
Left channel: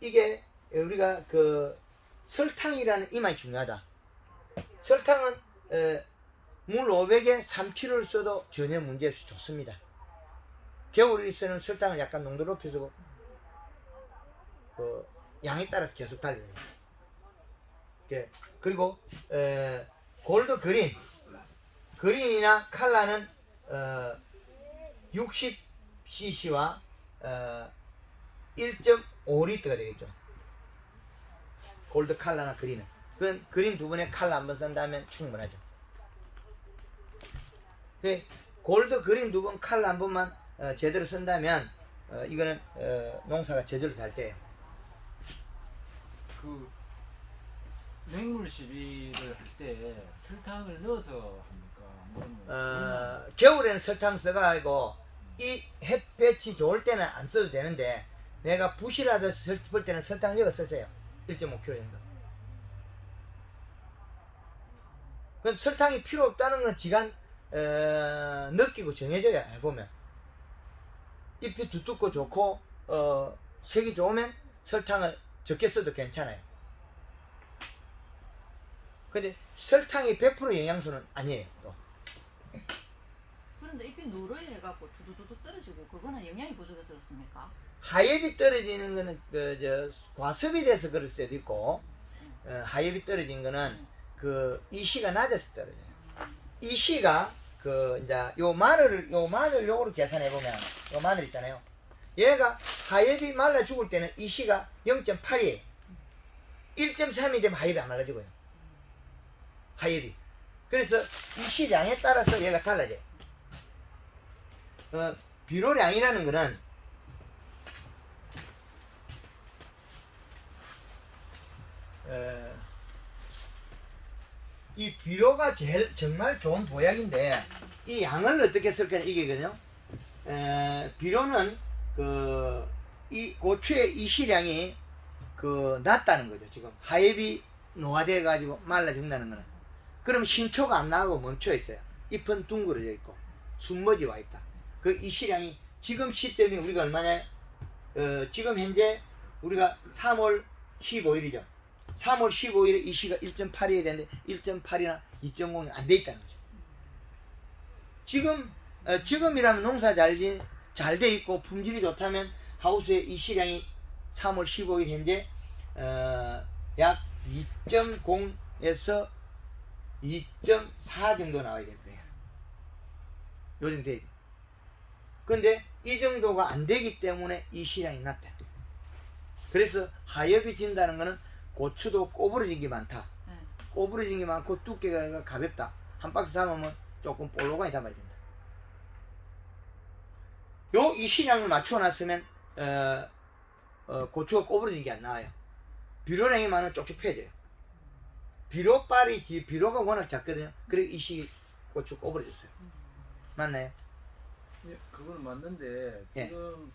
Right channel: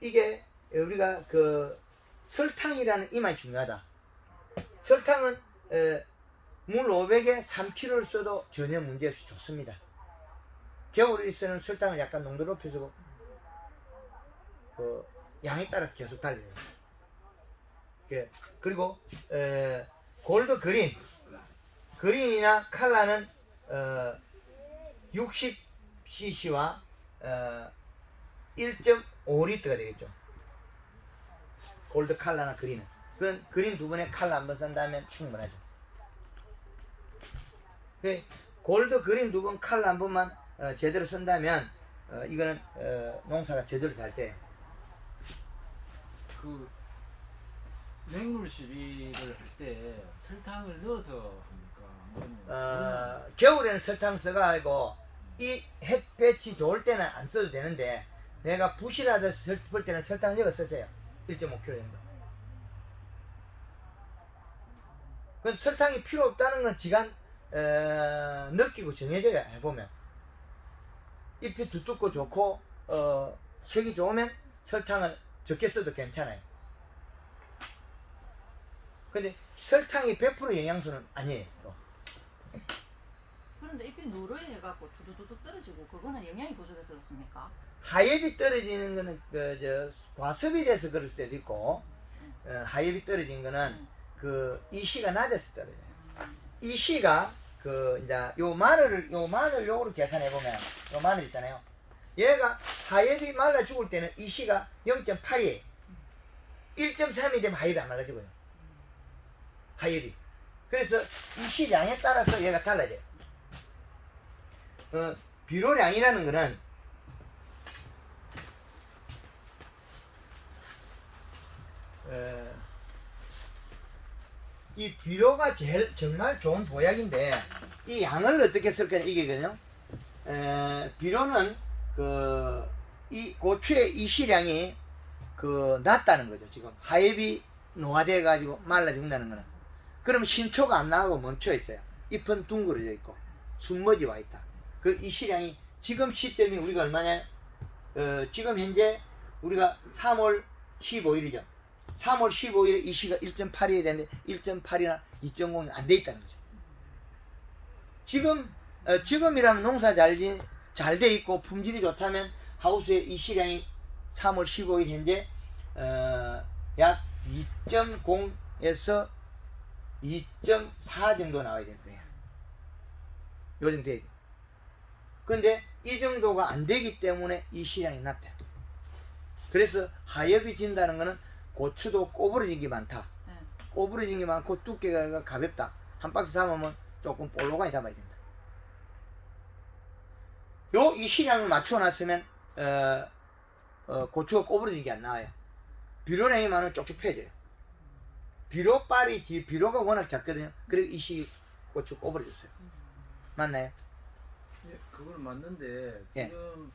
이게 우리가 그 설탕이라는 이 말이 중요하다. 설탕은 물 500에 3kg를 써도 전혀 문제없이 좋습니다. 겨울에서는 설탕을 약간 농도 높여서 양에 따라서 계속 달려요. 그리고 골드 그린이나 칼라는 60cc와 1.5L가 되겠죠. 골드 칼라나 그린은. 그건 그린 두 번에 칼라 한 번 쓴다면 충분하죠. 골드 그린 두 번 칼라 한 번만 제대로 쓴다면 이거는 농사가 제대로 될 때예요. 그 맹물 시비를 할 때 설탕을 넣어서 합니까? 아니면 겨울에는 설탕 써가지고 이 햇볕이 좋을 때는 안 써도 되는데 내가 부실하다 싶을 때는 설탕을 넣어 쓰세요. 1.5kg 정도. 그 설탕이 필요 없다는 건 지가 느끼고 정해져야 해보면 잎이 두텁고 좋고 색이 좋으면 설탕을 적게 써도 괜찮아요. 근데 설탕이 100% 영양소는 아니에요. 또. 그런데 잎이 누르해갖고 두두두둑 떨어지고 그거는 영양이 부족해서 그렇습니까? 하엽이 떨어지는 거는 과습이 돼서 그럴 수도 있고 하엽이 떨어진 거는 그 이시가 낮아서 떨어져요. 이시가 이제 요 마늘 요거로 계산해 보면 요 마늘 있잖아요. 얘가 하엽이 말라 죽을 때는 이시가 0.8이에요. 1.3이 되면 하엽이 안 말라 죽어요. 하엽이. 그래서 이시량에 따라서 얘가 달라져요. 비료량이라는 거는 이 비료가 제일 정말 좋은 보약인데 이 양을 어떻게 쓸 거냐 이게거든요. 비료는 이 고추의 이시량이 낮다는 거죠. 지금 하엽이 노화돼 가지고 말라 죽는다는 거는. 그럼 신초가 안 나가고 멈춰 있어요. 잎은 둥그러져 있고 숨머지 와 있다. 그 이시량이 지금 시점이 우리가 얼마냐? 지금 현재 우리가 3월 15일이죠. 3월 15일에 이시가 1.8이 되는데 1.8이나 2.0이 안 돼 있다는 거죠. 지금이라면 농사 잘 돼 있고 품질이 좋다면 하우스의 이시량이 3월 15일 현재 약 2.0에서 2.4 정도 나와야 된대요. 요 정도 돼야 돼. 근데 이 정도가 안 되기 때문에 이시량이 낮다. 그래서 하엽이 진다는 거는 고추도 꼬부러진 게 많다. 꼬부러진 게 많고 두께가 가볍다. 한 박스 담으면 조금 볼록하게 담아야 된다. 요 이시량을 맞춰놨으면 고추가 꼬부러진 게 안 나와요. 비료량이 많으면 쪽쪽 펴져요. 비료가 워낙 작거든요. 그래서 이시 고추 꼬부러졌어요. 맞나요? 예, 그건 맞는데 지금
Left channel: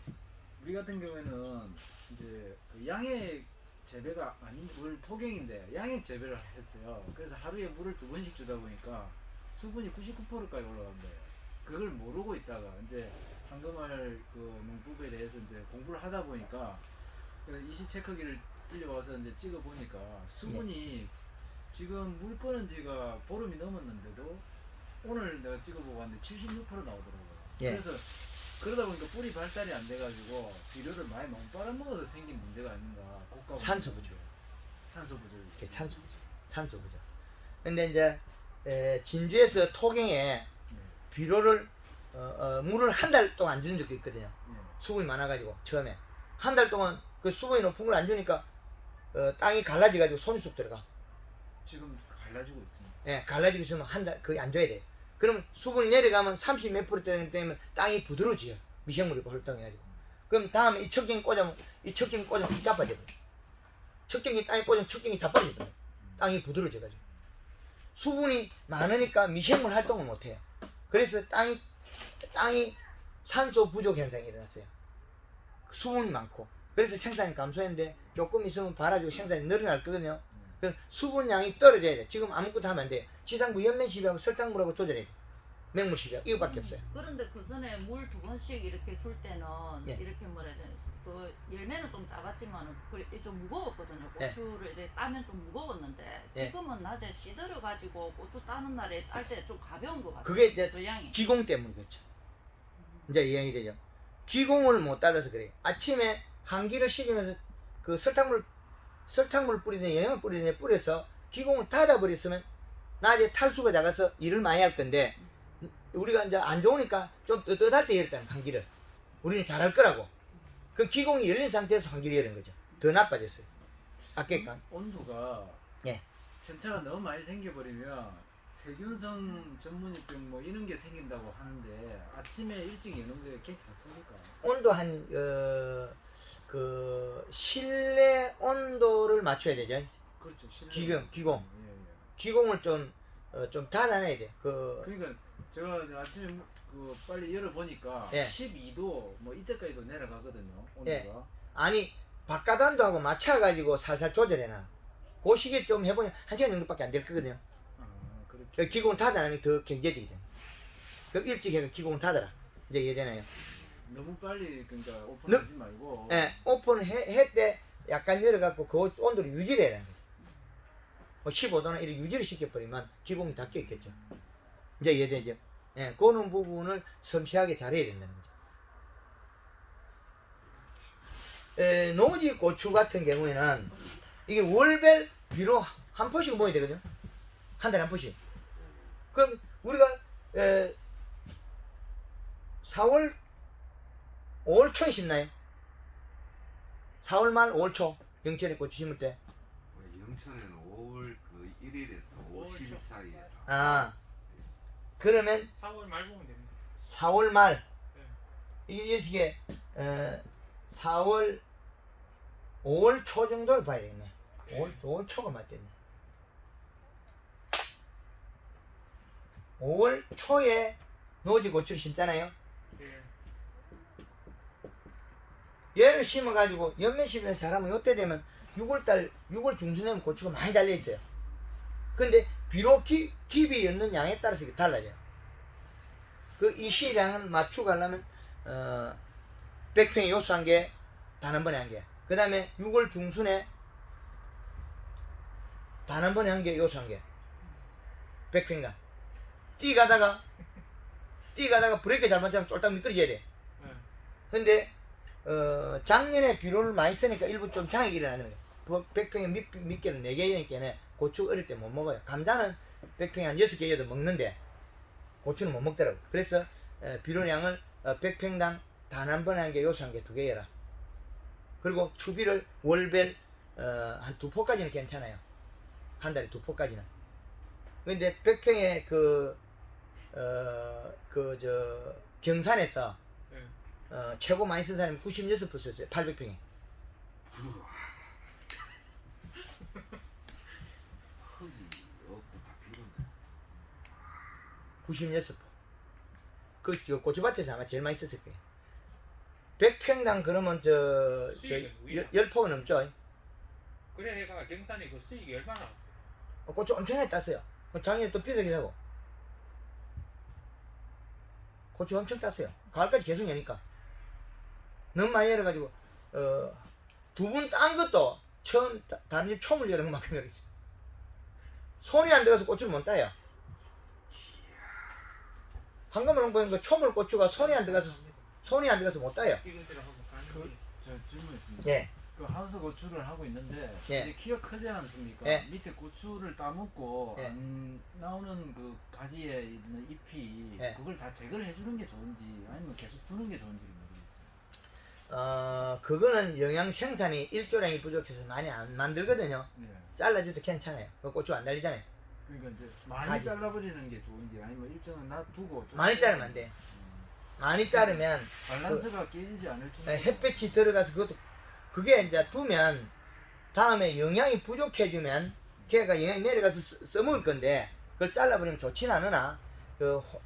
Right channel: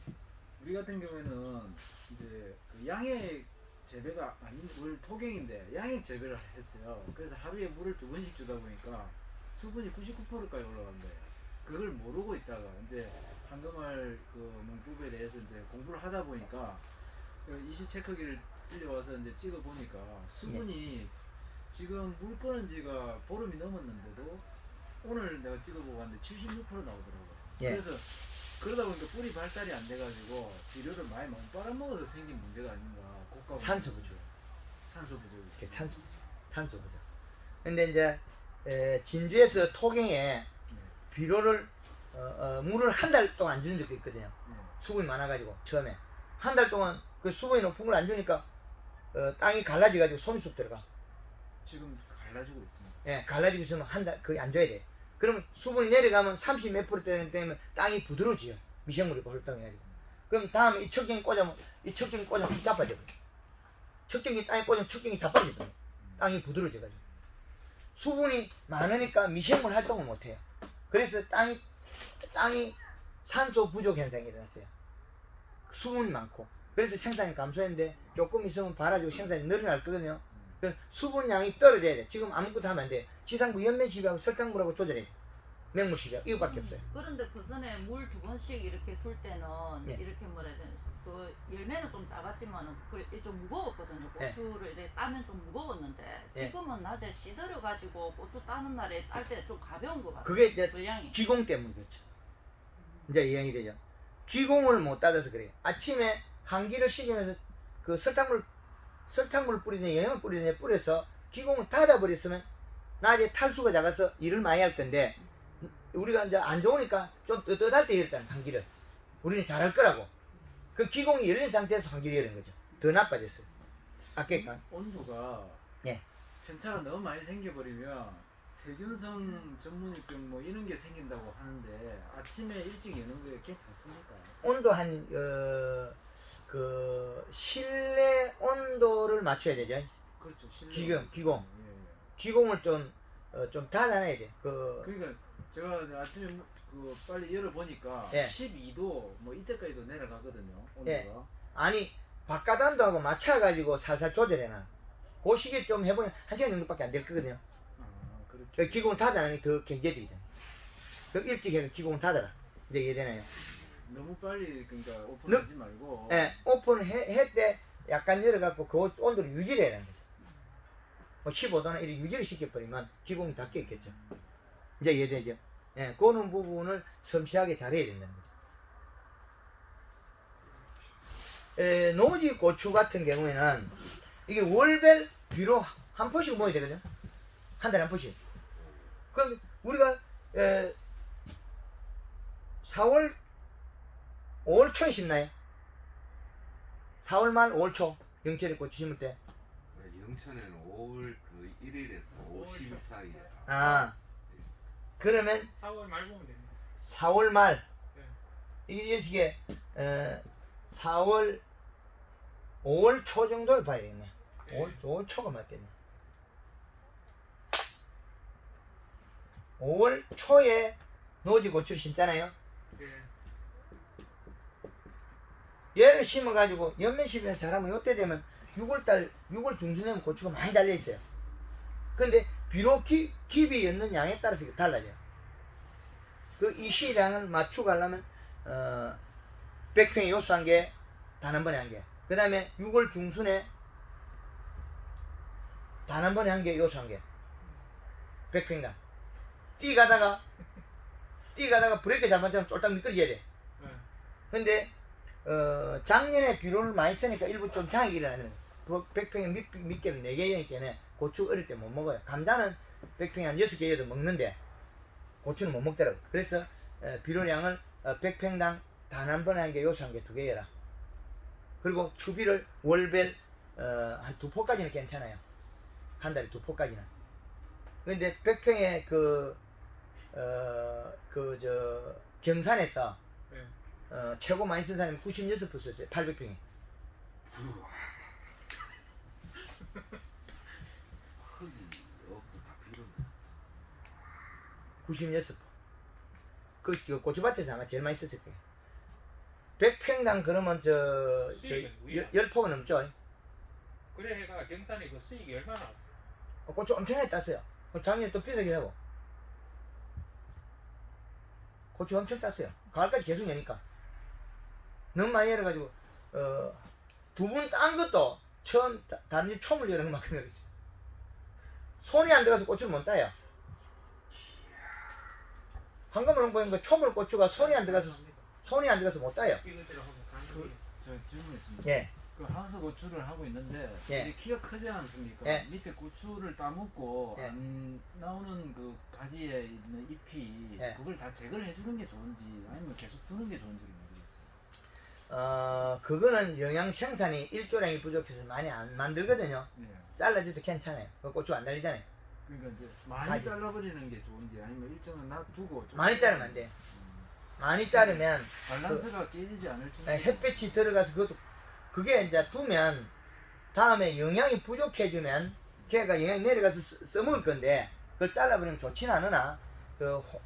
우리 같은 경우에는 이제 그 양의 재배가 아닌 물 토경인데 양의 재배를 했어요. 그래서 하루에 물을 2번씩 주다 보니까 수분이 99%까지 올라간 거예요. 그걸 모르고 있다가 이제 황금알 농법에 대해서 이제 공부를 하다 보니까 이시 체크기를 빌려와서 이제 찍어 보니까 수분이 지금 물 끄는 지가 보름이 넘었는데도 오늘 내가 찍어보고 왔는데 76% 나오더라고요. 그래서 그러다 보니까 뿌리 발달이 안 돼가지고 비료를 많이 너무 빨아먹어서 생긴 문제가 아닌가. 산소 부족. 산소 부족. 산소 부족. 근데 이제 진주에서 토경에 비료를 물을 한 달 동안 안 주는 적도 있거든요. 수분이 많아가지고 처음에 한 달 동안 그 수분이 높은 걸 안 주니까 땅이 갈라져가지고 손수습 들어가. 지금 갈라지고 있습니다. 예, 갈라지고 있으면 한 달 거의 안 줘야 돼. 그러면 수분이 내려가면 30 몇 프로 되면 땅이 부드러워져요. 미생물이 활동해가지고. 그럼 다음에 이 척경이 꽂으면 이 자빠져요. 척경이 땅에 꽂으면 척경이 자빠져요. 땅이 부드러워져가지고. 수분이 많으니까 미생물 활동을 못해요. 그래서 땅이 산소 부족 현상이 일어났어요. 수분이 많고. 그래서 생산이 감소했는데 조금 있으면 발아지고 생산이 늘어날 거거든요. 그 수분량이 떨어져야 돼. 지금 아무것도 하면 안 돼. 지상부 연면시비하고 설탕물하고 조절해야 돼. 맹물시비하 이거밖에 없어요. 그런데 그 전에 물 2번씩 이렇게 줄 때는 예. 이렇게 뭐라 해야 되나 그 열매는 좀 작았지만은 그래 좀 무거웠거든요. 예. 고추를 이렇게 따면 좀 무거웠는데 예. 지금은 낮에 씨들여 가지고 고추 따는 날에 딸 때 좀 가벼운 것 같아요. 그게 이제 분량이. 기공 때문이겠죠. 이제 이해이 되죠. 기공을 못 따라서 그래요. 아침에 환기를 시키면서 그 설탕물을 뿌리든 영양을 뿌리든 뿌려서 기공을 닫아버렸으면 낮에 탈수가 작아서 일을 많이 할 건데 우리가 이제 안 좋으니까 좀 떳떳할 때 열었다는 환기를 우리는 잘할 거라고 그 기공이 열린 상태에서 환기를 열은 거죠. 더 나빠졌어요. 아까 온도가 예. 편차가 너무 많이 생겨버리면 세균성 전문병 뭐 이런 게 생긴다고 하는데 아침에 일찍 여는 게 괜찮습니까? 온도 그 실내 온도를 맞춰야 되죠. 그렇죠. 기공. 예, 예. 기공을 좀 닫아놔야 돼. 그러니까 제가 이제 아침에 그 빨리 열어보니까 예. 12도 뭐 이때까지도 내려가거든요. 온도가. 예. 아니 바깥 온도하고 맞춰가지고 살살 조절해놔. 그 시기에 좀 해보면 1시간 정도밖에 안 될 거거든요. 아, 그렇죠. 그 기공을 닫아놓으니 더 경제적이잖아. 그럼 일찍 해서 기공을 닫아라. 이제 이해되나요? 너무 빨리 그러니까 오픈하지 말고. 예, 오픈할 때 약간 내려갖고 그 온도를 유지를 해야 하는 거죠. 뭐 15도나 이렇게 유지를 시켜버리면 기공이 닫혀 있겠죠. 이제 이해되죠? 예, 그런 부분을 섬세하게 잘해야 된다는 거죠. 노지 고추 같은 경우에는 이게 월별 비로 한 포씩 먹어야 되거든요. 한 달에 한 포씩. 그럼 우리가 4월 5월 초에 심나요? 4월 말 5월 초 영철이 고추 심을 때. 영천에는 5월 그 1일에서 5월 10일 사이에. 아 그러면 4월 말 보면 됩니다. 4월 말 네. 이게 4월 5월 초 정도를 봐야 되겠네. 5월 초가 맞겠네. 5월 초에 노지 고추를 심잖아요. 네. 얘를 심어가지고 연면 심으면 잘하면 요때 되면 6월 중순 되면 고추가 많이 달려있어요. 근데 비록 깊이 였는 양에 따라서 달라져요. 이 시량을 맞추고 하려면 100평에 요수 한 개, 단 한 번에 한 개. 그 다음에 6월 중순에 단 한 번에 한 개, 요수 한 개. 100평당. 뛰 가다가 브레이크 잘못하면 쫄딱 미끄러져야 돼. 네. 근데 작년에 비료를 많이 쓰니까 일부 좀 장애가 일어나는 거예요. 100평에 mit개는 4개니까 고추 어릴 때 못 먹어요. 감자는 100평에 한 6개, 8개 먹는데 고추는 못 먹더라고. 그래서 비료량을 100평당 단 한 번에 한 개, 요수 한 개, 2개 해라. 그리고 추비를 월별 한 2포까지는 괜찮아요. 한 달에 2포까지는. 근데 100평에 경산에서 네. 최고 많이 쓴 사람이 96% 썼어요. 800평에. 흙이 없고 다 비료인데. 96%. 그 고추밭에서 아마 제일 많이 썼을 거예요. 100평당 그러면 수익은 우리야. 10포가 넘죠. 그래 내가 경산에 그 수익이 얼마나 왔어? 고추 엄청 많이 땄어요. 작년에 또 비싸게 하고. 고추 엄청 땄어요. 가을까지 계속 여니까. 너무 많이 열어가지고, 2분 딴 것도 다른 집 촘을 열은 만큼 열었어요. 손이 안 들어가서 고추를 못 따요. 방금으로 보니까 촘을 고추가 손이 안 들어가서 못 따요. 이거대로 하면 그, 가능해. 저 질문 있습니다. 예. 그 하우스 고추를 하고 있는데 예. 이게 키가 크지 않습니까? 예. 밑에 고추를 따먹고 예. 안 나오는 그 가지에 있는 잎이 예. 그걸 다 제거를 해주는 게 좋은지 아니면 계속 두는 게 좋은지 모르겠어요. 그거는 영양 생산이 일조량이 부족해서 많이 안 만들거든요. 네. 잘라줘도 괜찮아요. 그 고추 안 달리잖아요. 그러니까 이제 많이 가지. 잘라버리는 게 좋은지 아니면 일정은 놔두고 좀 많이 자르면 안 돼. 많이 자르면 밸런스가 깨지지 않을 정도. 햇볕이 들어가서 그게 이제 두면 다음에 영양이 부족해지면 걔가 영양이 내려가서 써먹을 건데 그걸 잘라버리면 좋지는 않으나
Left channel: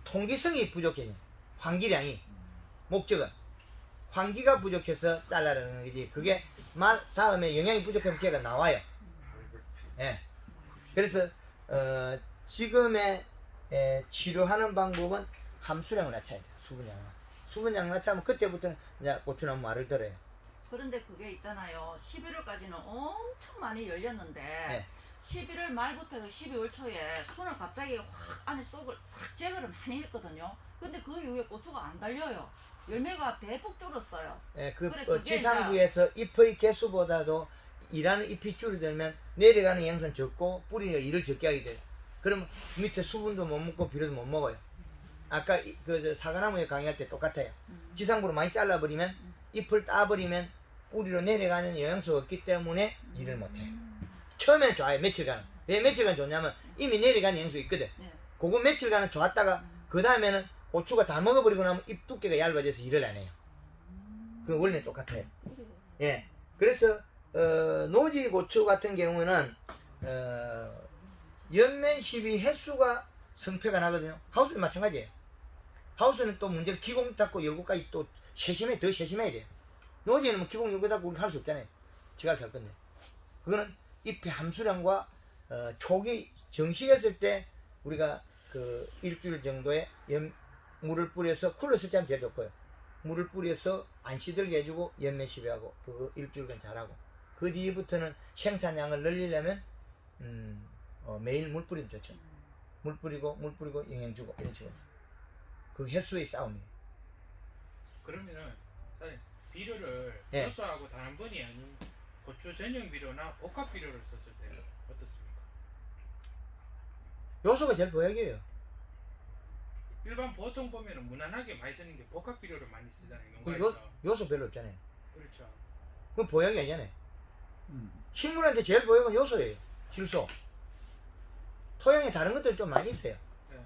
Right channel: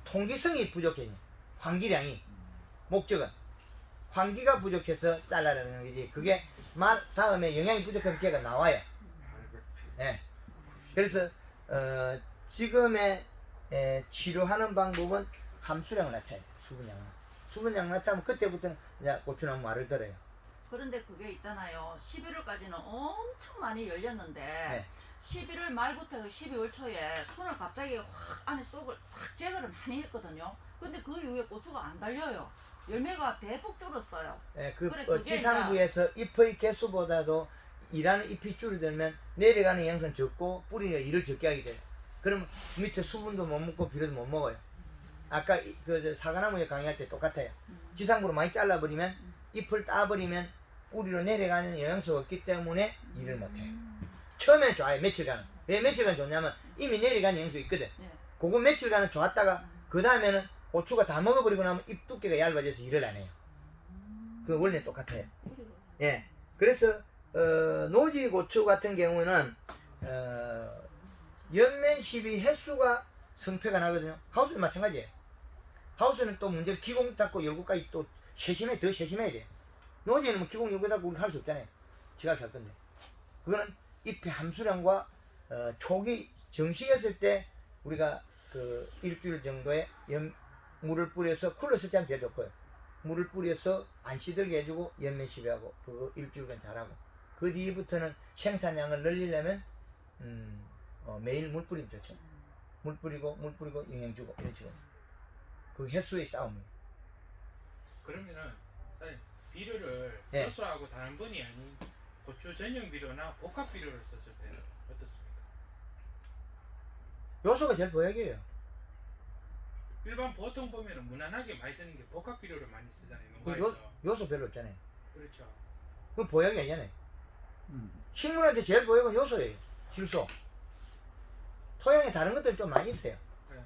통기성이 부족해요. 환기량이. 목적은 환기가 부족해서 잘라내는 거지. 그게 말 다음에 영양이 부족하면 걔가 나와요. 예. 그래서 지금의 치료하는 방법은 함수량 낮춰야 돼. 수분량 낮추면 그때부터는 이제 고추나무 말을 들어요. 그런데 그게 있잖아요. 11월까지는 엄청 많이 열렸는데 네. 11월 말부터 12월 초에 순을 갑자기 확 안에 쏙을 싹 제거를 많이 했거든요. 근데 그 이후에 고추가 안 달려요. 열매가 대폭 줄었어요. 예, 그 그래, 그게 지상부에서 잎의 개수보다도 일하는 잎이 줄어들면 내려가는 양은 적고 뿌리가 일을 적게 하게 돼요. 그럼 밑에 수분도 못 먹고 비료도 못 먹어요. 아까 그 사과나무에 강의할 때 똑같아요. 지상부로 많이 잘라버리면 잎을 따버리면 뿌리로 내려가는 영양소가 없기 때문에 일을 못해요. 처음에는 좋아요. 며칠간. 왜 며칠간 좋냐면 이미 내려가는 영양소 있거든. 네. 그거 며칠간은 좋았다가 그 다음에는 고추가 다 먹어버리고 나면 잎 두께가 얇아져서 일을 안 해요. 그 원리는 똑같아요. 예. 그래서 노지 고추 같은 경우는 연면 시비 횟수가 성패가 나거든요. 하우스는 마찬가지예요. 하우스는 또 문제를 기공 닫고 열고까지 또 더 세심해야 돼요. 노지는 뭐 기공 열고 닫고 우리 할 수 없잖아요. 지가 할 건데. 그거는 잎의 함수량과 초기 정식했을 때 우리가 그 일주일 정도의 물을 뿌려서 쿨러 설치하면 제일 좋고요. 물을 뿌려서 안 시들게 해주고 연면 시비하고 그 일주일간 잘하고 그 뒤부터는 생산량을 늘리려면 매일 물 뿌리면 좋죠. 물 뿌리고 영양 주고 이런 식으로 그 횟수의 싸움이에요. 그러면은 사장님 비료를 예. 요소하고 단 한 번이 아닌 고추 전용 비료나 복합 비료를 썼을 때는 어떻습니까? 요소가 제일 보약이에요. 일반 보통 보면은 무난하게 많이 쓰는 게 복합 비료를 많이 쓰잖아요. 그 농가에서. 요소 별로 없잖아요. 그렇죠. 그건 보약이 아니잖아요. 식물한테 제일 보약은 요소예요. 질소. 토양에 다른 것들 좀 많이 있어요. 네.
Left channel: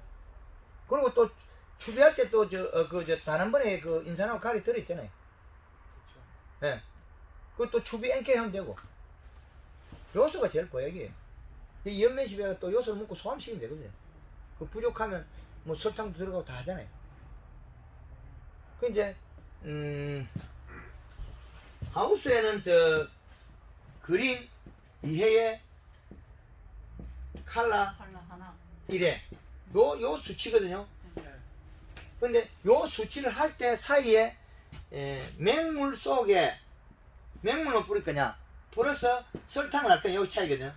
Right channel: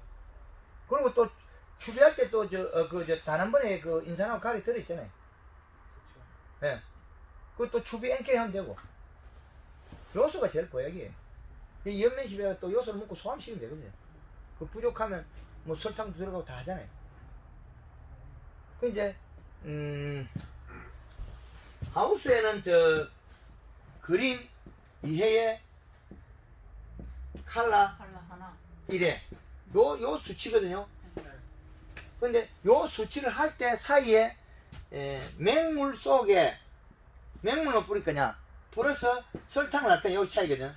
그리고 또 추비할 때 또 단 한 번에 그 인산하고 가게 들어있잖아요. 그렇죠. 예. 그또 추비 NK 하면 되고. 요소가 제일 보약이에요. 이 연면시비가 또 요소를 먹고 소화시키면 되거든요. 그 부족하면 뭐 설탕도 들어가고 다 하잖아요. 그 이제 하우스에는 그린 2회에 칼라 칼라 하나. 1회 요 수치거든요. 네. 근데 요 수치를 할 때 사이에 맹물 속에 맹물을 뿌릴 거냐 뿌려서 설탕을 할 거냐 여기 차이거든.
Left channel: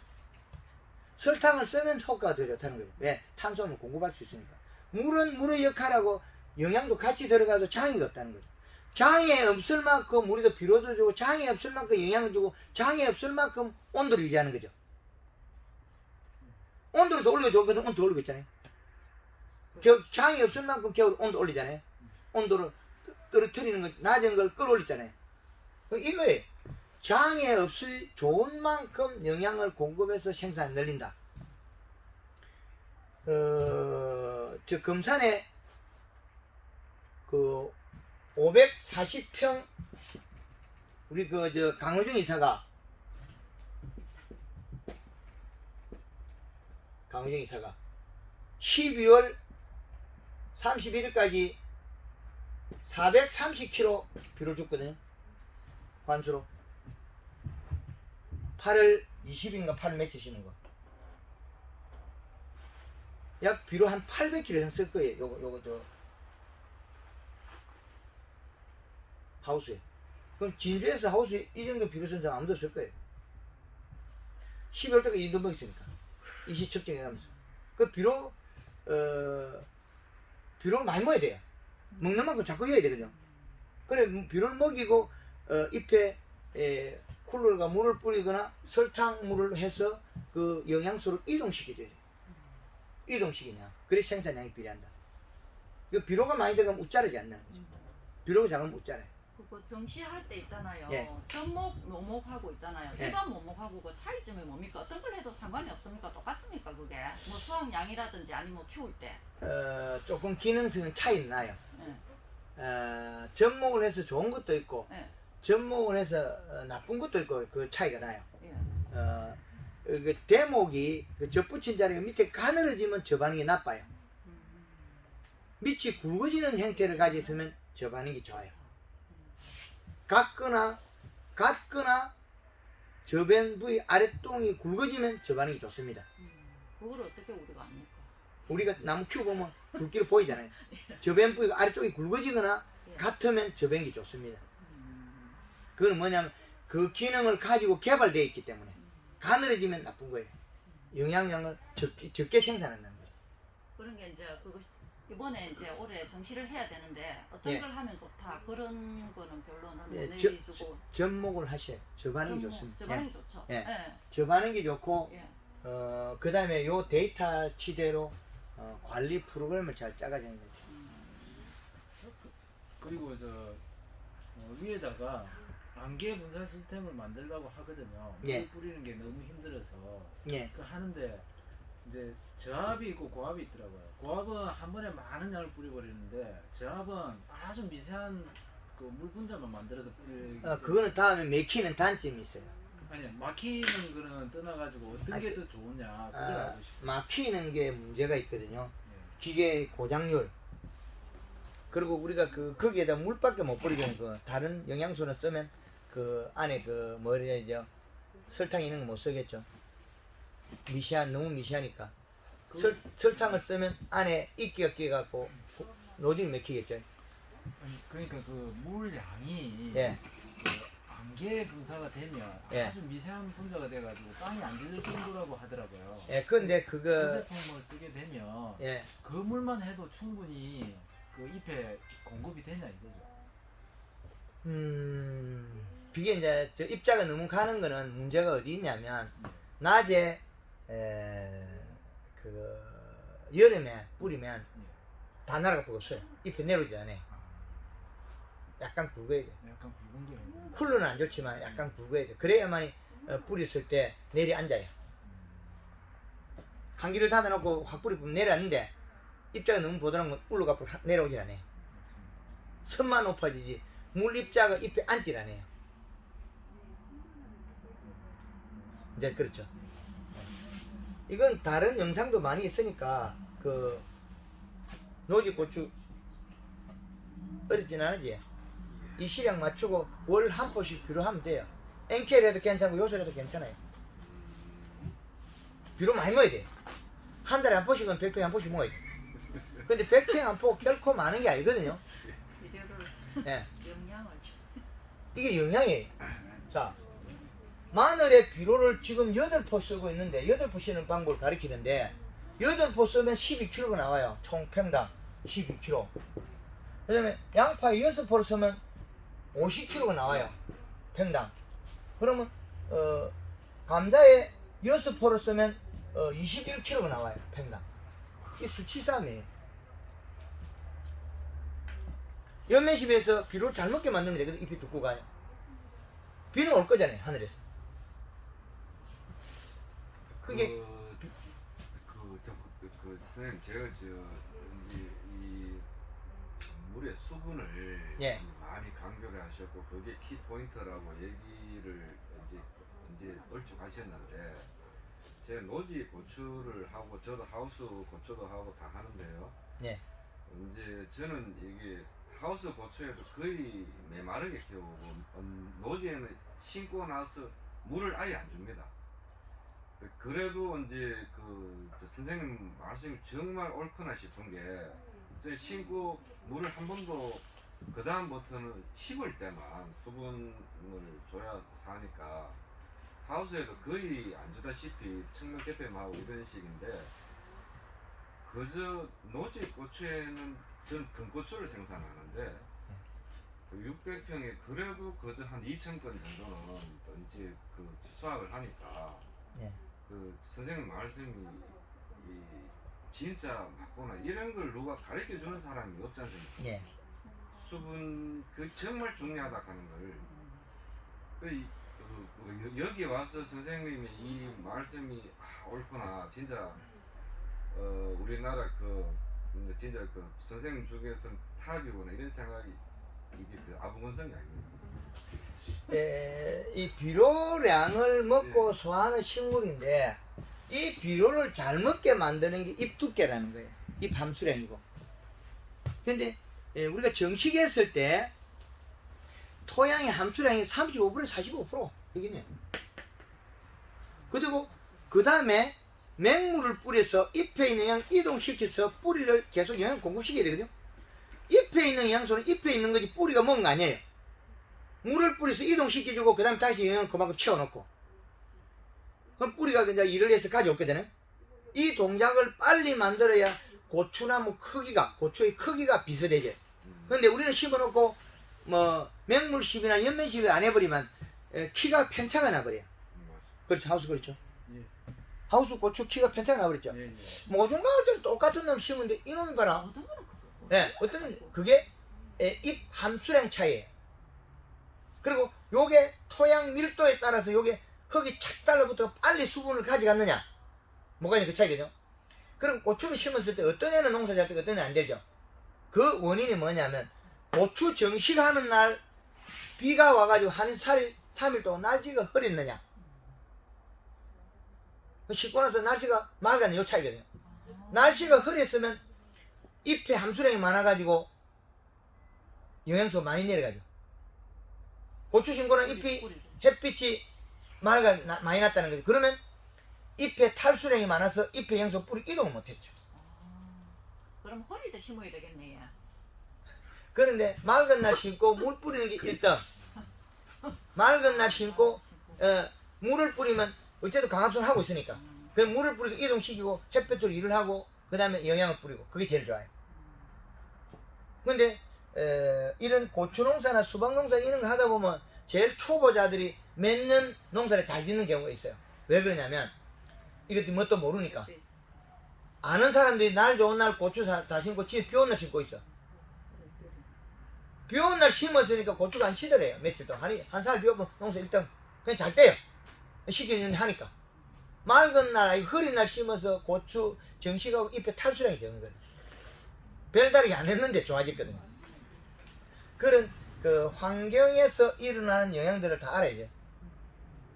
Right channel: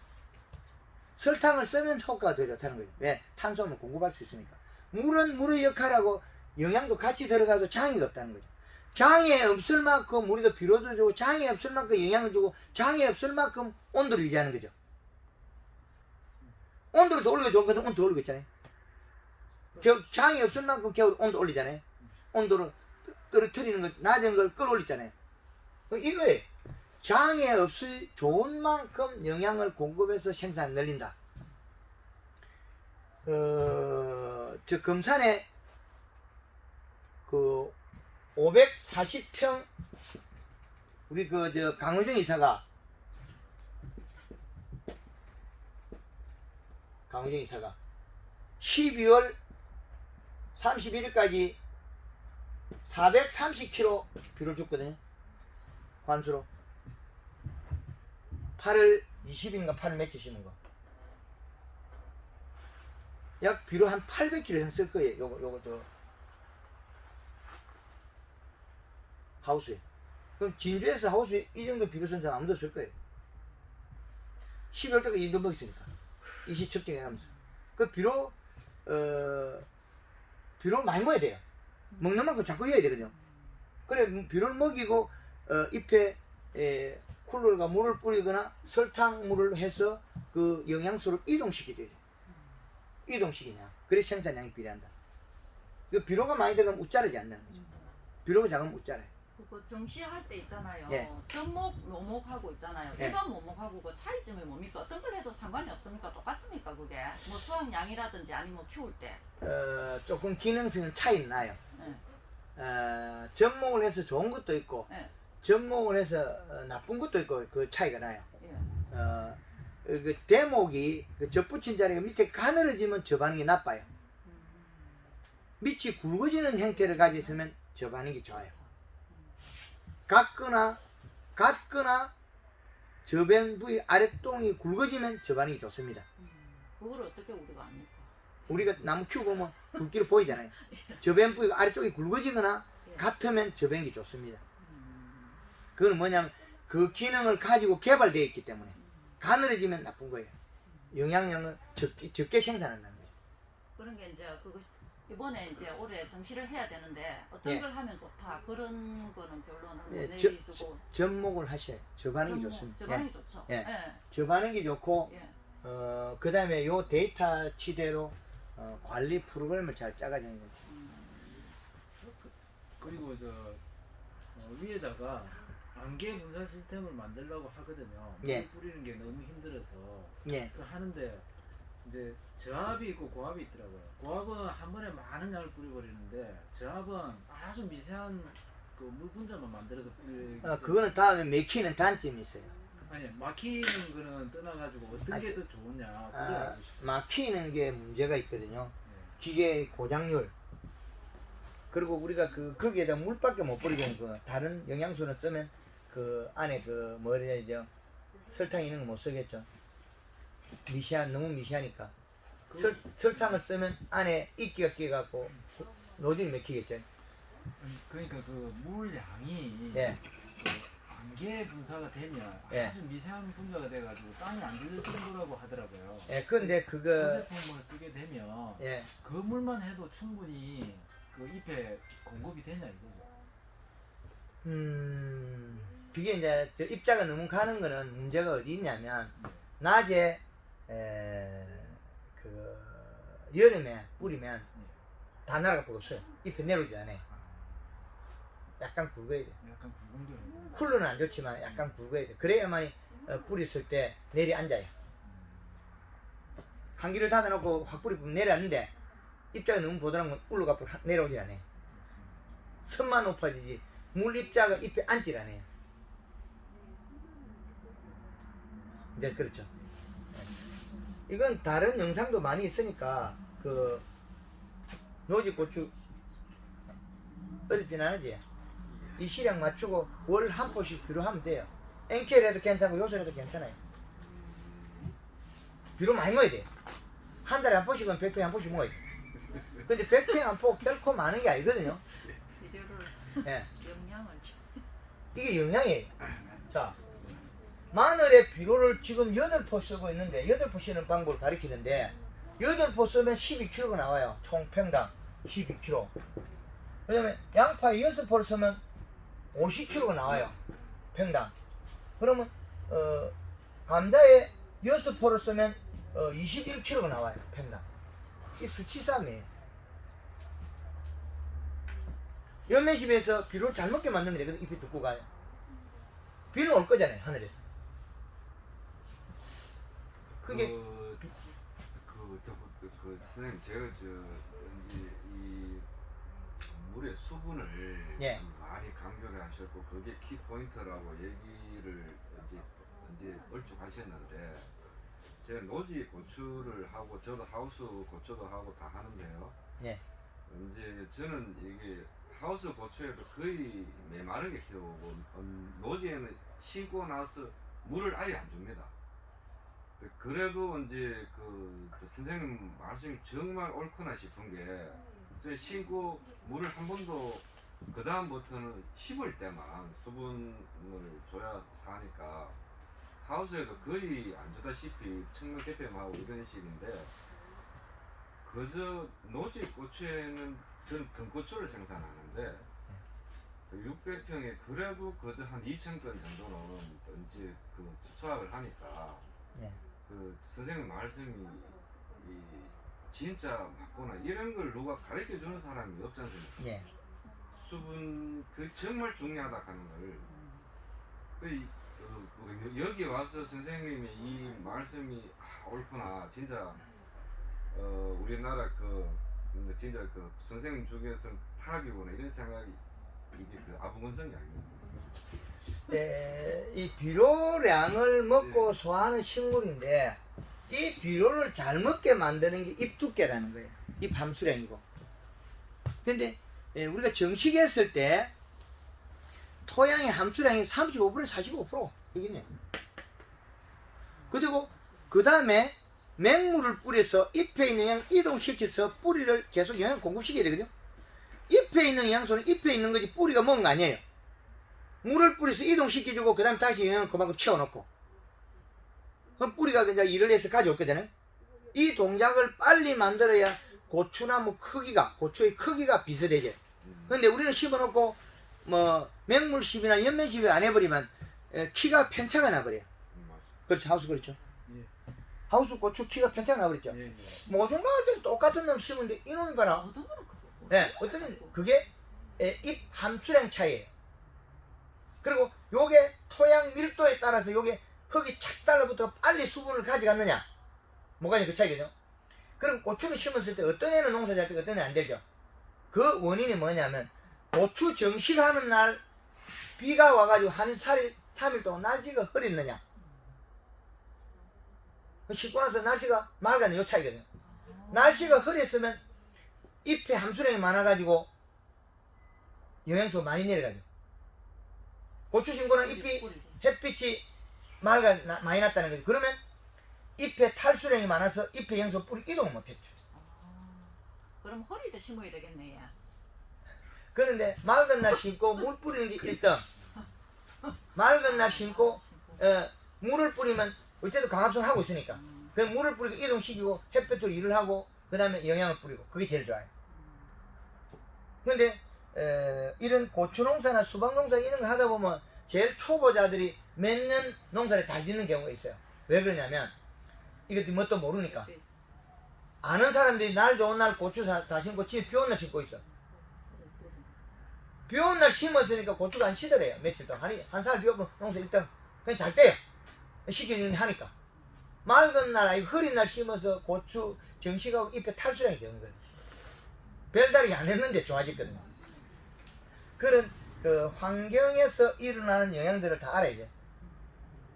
설탕을 쓰면 효과가 더 좋다는 거죠. 왜? 탄수화물 공급할 수 있으니까. 물은 물의 역할하고 영양도 같이 들어가도 장애가 없다는 거죠. 장애 없을 만큼 우리도 비료도 주고 장애 없을 만큼 영양을 주고 장애 없을 만큼 온도를 유지하는 거죠. 온도를 더 올리고 좋거든. 온도 더 올리고 있잖아요. 장애 없을 만큼 겨울 온도 올리잖아요. 온도를 떨어뜨리는 거 낮은 걸 끌어올리잖아요. 이거예요. 장애 없이 좋은 만큼 영양을 공급해서 생산을 늘린다. 저 금산에 그 540평 우리 강의정 이사가 12월 31일까지 430kg 비료를 줬거든요. 관수로 8월 20일인가 8월 며칠 심은 거. 약 비료 한 800kg 이상 쓸 거예요. 요거 하우스에. 그럼 진주에서 하우스에 이 정도 비료 쓴 사람 아무도 없을 거예요. 12월 때까지 이 정도 먹었으니까. 이시 측정해가면서. 그 비료 많이 먹어야 돼요. 먹는 만큼 자꾸 해야 되거든요. 그래 비료를 먹이고 잎에 쿨러가 물을 뿌리거나 설탕물을 해서 그 영양소를 이동시켜야 돼요. 이동시키냐. 그래 생산량이 비례한다. 그 비료가 많이 들어가면 웃자르지 않는 거죠. 비료가 작으면 웃자라요. 그거 정시할 때 있잖아요. 예. 전목, 묘목하고 있잖아요. 예. 일반 묘목하고 그 차이점이 뭡니까? 어떤 걸 해도 상관이 없습니까? 똑같습니까? 그게 뭐 수확량이라든지 아니면 키울 때. 조금 기능성은 차이는 나요. 예. 접목을 해서 좋은 것도 있고 예. 접목을 해서 나쁜 것도 있고 그 차이가 나요. 예. 그 대목이 그 접붙인 자리가 밑에 가늘어지면 저 반응이 나빠요. 밑이 굵어지는 형태를 가지고 있으면 접하는 게 좋아요. 같거나 저변 부위 아랫동이 굵어지면 접하는 게 좋습니다. 그걸 어떻게 우리가 압니까? 우리가 나무 키워보면 굵기로 보이잖아요. 저변 부위가 아래쪽이 굵어지거나 예. 같으면 접하는 게 좋습니다. 그건 뭐냐면 그 기능을 가지고 개발되어 있기 때문에 가늘어지면 나쁜 거예요. 영양을 적게 생산한다는 거예요. 그런 게 이제 그거 이번에 이제 올해 정시를 해야 되는데 어떤 예. 걸 하면 좋다 그런 거는 결론을 못 예, 내주고 접목을 하셔요. 접하는 게 좋습니다. 접하는 예. 게 좋죠. 예. 예. 접하는 게 좋고 예. 그 다음에 요 데이터치대로 관리 프로그램을 잘 짜가지는 거죠. 그리고 위에다가 안개 분산 시스템을 만들려고 하거든요. 물 예. 뿌리는 게 너무 힘들어서 예. 그 하는데 이제 저압이 있고 고압이 있더라고요. 고압은 한 번에 많은 양을 뿌려버리는데 저압은 아주 미세한 그 물 분자만 만들어서 뿌리기 그거는 다음에 맥히는 단점이 있어요. 아니 막히는 거는 떠나가지고 어떤 게 더 좋으냐 그걸 알고 싶어요. 막히는 게 문제가 있거든요. 네. 기계 고장률. 그리고 우리가 거기에다 물밖에 못 뿌리고 다른 영양소는 쓰면 그 안에 뭐라 해야 되죠? 설탕 이런 거 못 쓰겠죠. 너무 미시하니까. 설탕을 쓰면 안에 이끼가 끼갖고 노즐이 맥히겠죠. 아니, 그러니까 그 물 양이 예. 그 안개 분사가 되면 예. 아주 미세한 분자가 돼가지고 땅이 안 젖을 정도라고 하더라고요. 예, 근데 소재품을 쓰게 되면 예. 그 물만 해도 충분히 그 잎에 공급이 되냐 이거죠. 그게 이제 저 입자가 너무 가는 거는 문제가 어디 있냐면 낮에 여름에 뿌리면 다 날아가 버렸어요. 잎에 내려오지 않아요. 약간 굵어야 돼. 약간 붉은 거예요. 쿨러는 안 좋지만 약간 굵어야 돼. 그래야만 뿌렸을 때 내리 앉아요. 한기를 닫아놓고 확 뿌리면 내려앉는데 입자가 너무 보드란 건 울러가 내려오지 않아요. 선만 높아지지 물 입자가 잎에 앉질 않아요. 이제 그렇죠. 이건 다른 영상도 많이 있으니까 노지고추 어렵진 않지. 이 시량 맞추고 월 한 포씩 비료하면 돼요. NK라도 괜찮고 요새라도 괜찮아요. 비료 많이 먹어야 돼. 한 달에 한 포씩은 100평에 한 포씩 먹어야 돼. 근데 100평에 한 포 결코 많은 게 아니거든요. 비료를 예. 영양을 이게 영양이에요. 자, 마늘의 비료를 지금 8포 쓰고 있는데 8포 쓰는 방법을 가리키는데 8포 쓰면 12kg가 나와요. 총 평당 12kg. 그 다음에 양파에 6포를 쓰면 50kg가 나와요. 평당. 그러면 감자에 6포를 쓰면 21kg가 나와요. 평당. 이게 수치싸움이에요. 연면십에서 비료를 잘 먹게 만들면 되거든. 잎이 듣고 가요. 비는 올 거잖아요. 하늘에서. 그게 선생님 제가 이 물의 수분을 예. 많이 강조를 하셨고 그게 키 포인트라고 얘기를 이제 얼추 하셨는데 제가 노지 고추를 하고 저도 하우스 고추도 하고 다 하는데요. 예. 이제 저는 이게 하우스 고추에도 거의 메마르게 키우고 노지에는 심고 나서 물을 아예 안 줍니다. 그래도 이제 저 선생님 말씀이 정말 옳구나 싶은 게 저 심고 물을 한 번도 그 다음부터는 심을 때만 수분을 줘야 사니까 하우스에도 거의 안 주다시피 청명 대패하고 이런 식인데 그저 노지 고추에는 전 등고추를 생산하는데 600평에 그래도 그저 한 2,000건 정도는 이제 수확을 하니까 예. 선생님 말씀이 진짜 맞구나. 이런 걸 누가 가르쳐 주는 사람이 없지 않습니까? 예. 수분 정말 중요하다 하는 걸 여기 와서 선생님이 이 말씀이 옳구나. 진짜 우리나라 진짜 선생님 중에서는 탑이구나 이런 생각이 이게 아부건성이 아닙니다. 이 비료량을 먹고 소화하는 식물인데 이 비료를 잘 먹게 만드는 게 잎 두께라는 거예요. 잎 함수량이고. 근데 우리가 정식했을 때 토양의 함수량이 35%에서 45% 여기네. 그리고 그 다음에 맹물을 뿌려서 잎에 있는 영양 이동시켜서 뿌리를 계속 영양 공급시켜야 되거든요. 잎에 있는 영양소는 잎에 있는 거지 뿌리가 먹은 거 아니에요. 물을 뿌려서 이동시켜주고 그 다음 다시 영양을 그만큼 채워놓고 그럼 뿌리가 이제 일을 해서 가져올거든요. 이 동작을 빨리 만들어야 고추나무 크기가 고추의 크기가 비슷해져요. 근데 우리는 심어놓고 뭐 맹물심이나 연면심을 안 해버리면 키가 편차가 나버려요. 그렇죠. 하우스 그렇죠. 예. 하우스 고추 키가 편차가 나버렸죠. 예, 예. 모종가 할 때도 똑같은 놈 심는데 이놈이 봐라. 어떤 거는 그거. 네, 어떤 그게 잎 함수량 차이예요. 그리고 요게 토양 밀도에 따라서 요게 흙이 착 달라붙어 빨리 수분을 가져갔느냐 뭐가 그 차이거든요. 그럼 고추를 심었을 때 어떤 애는 농사 잘 되고 어떤 애는 안 되죠. 그 원인이 뭐냐면 고추 정식하는 날 비가 와가지고 한 3일 동안 날씨가 흐렸느냐 씻고 나서 날씨가 맑았냐 요 차이거든요. 날씨가 흐렸으면 잎에 함수량이 많아가지고 영양소 많이 내려가죠. 고추 심고는 잎이 햇빛이 많이 났다는 거죠. 그러면 잎에 탈수량이 많아서 잎에 영양소 뿌리 이동을 못했죠. 그럼 허리도 심어야 되겠네. 야. 그런데 맑은 날 심고 물 뿌리는 게 1등. 맑은 날 심고 물을 뿌리면 어쨌든 광합성을 하고 있으니까 그 물을 뿌리고 이동시키고 햇볕으로 일을 하고 그 다음에 영양을 뿌리고 그게 제일 좋아요. 근데 이런 고추농사나 수박농사 이런 거 하다 보면 제일 초보자들이 맺는 농사를 잘 짓는 경우가 있어요. 왜 그러냐면 이것도 뭣도 모르니까 아는 사람들이 날 좋은 날 고추 다 심고 집에 비 오는 날 심고 있어. 비 오는 날 심었으니까 고추가 안 시더래요. 며칠 동안 한 살 비 오면 농사 일단 그냥 잘 떼요. 시키는 하니까 맑은 날 흐린 날 심어서 고추 정식하고 잎에 탈수량이 적은 거예요. 별다르게 안 했는데 좋아졌거든요. 그런 그 환경에서 일어나는 영향들을 다 알아야죠.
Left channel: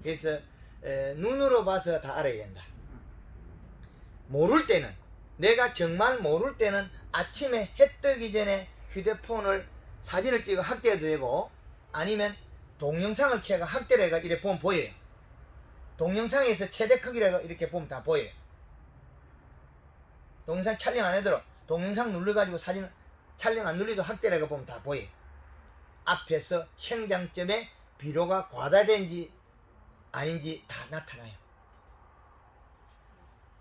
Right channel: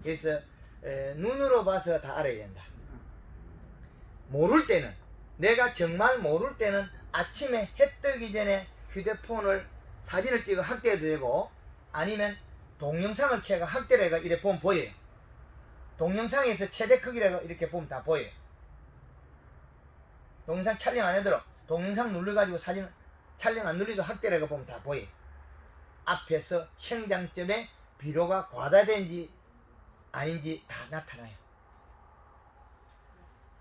그래서 눈으로 봐서 다 알아야 된다. 모를 때는 내가 정말 모를 때는 아침에 해 뜨기 전에 휴대폰을 사진을 찍어 확대해도 되고 아니면 동영상을 켜가 확대를 해가 이렇게 보면 보여요. 동영상에서 최대 크기라고 이렇게 보면 다 보여요. 동영상 촬영 안 해도 동영상 눌러가지고 사진 촬영 안 눌러도 확대를 해가 보면 다 보여요. 앞에서 생장점에 비료가 과다된지 아닌지 다 나타나요.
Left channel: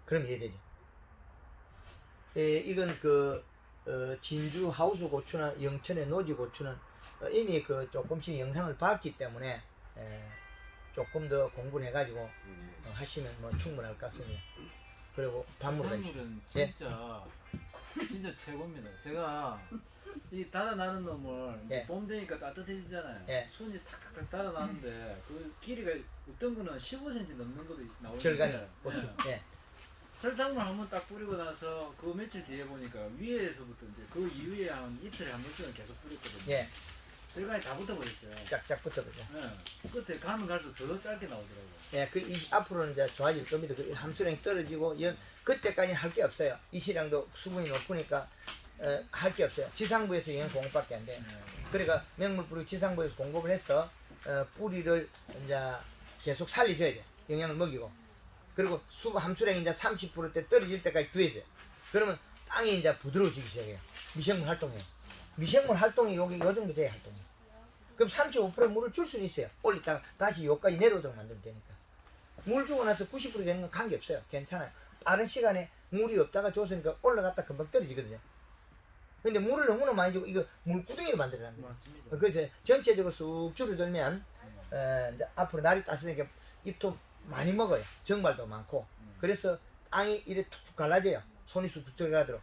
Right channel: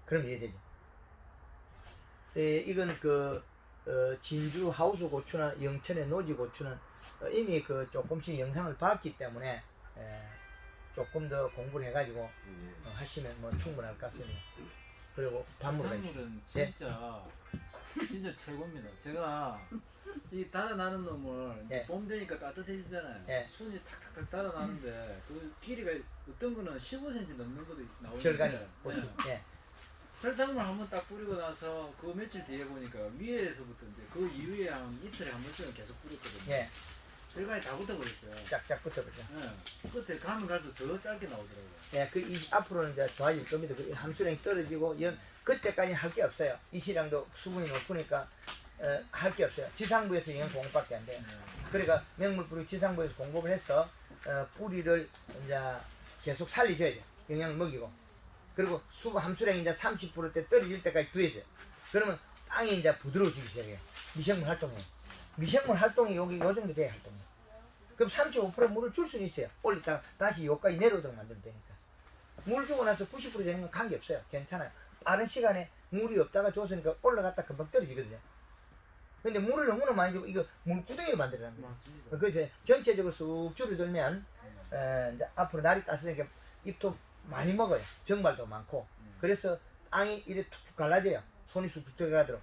그럼 이해되죠? 이건 진주 하우스 고추나 영천의 노지 고추는 이미 조금씩 영상을 봤기 때문에 조금 더 공부를 해가지고 하시면 뭐 충분할 것 같습니다. 그리고 단물을 단물은 진짜 최고입니다. 제가 이 달아나는 놈을 예. 봄 되니까 따뜻해지잖아요. 예. 순이 탁탁탁 달아나는데 그 길이가 어떤 거는 15cm 넘는 것도 나오는데 절간이 고추. 예. 설탕물 한번 딱 뿌리고 나서 그 며칠 뒤에 보니까 위에서부터 이제 그 이후에 한 이틀에 한 번씩은 계속 뿌렸거든요. 예. 절간이 다 붙어버렸어요. 쫙쫙 붙어보죠. 예. 끝에 가면 갈수록 더 짧게 나오더라고요. 예, 앞으로는 이제 좋아질 겁니다. 그 함수량이 떨어지고, 그때까지는 할 게 없어요. 이 시량도 수분이 높으니까, 할 게 없어요. 지상부에서 영양 공급밖에 안 돼요. 그러니까 맹물 뿌리고 지상부에서 공급을 해서, 뿌리를 이제 계속 살려줘야 돼요. 영양을 먹이고. 그리고 수분 함수량이 이제 30%대 떨어질 때까지 두어져요. 그러면 땅이 이제 부드러워지기 시작해요. 미생물 활동해요. 미생물 활동이 여기 요 정도 돼야 활동해요. 그럼 35% 물을 줄 수는 있어요. 올렸다가 다시 여기까지 내려오도록 만들면 되니까. 물 주고 나서 90% 되는 건 관계없어요. 괜찮아요. 빠른 시간에 물이 없다가 줬으니까 올라갔다 금방 떨어지거든요. 근데 물을 너무나 많이 주고 이거 물구덩이를 만들어라는 거예요. 맞습니다. 그래서 전체적으로 쑥 줄어들면 이제 앞으로 날이 따스니까 잎도 많이 먹어요. 정발도 많고. 그래서 땅이 이렇게 툭툭 갈라져요. 손이 쑥툭 들어가도록.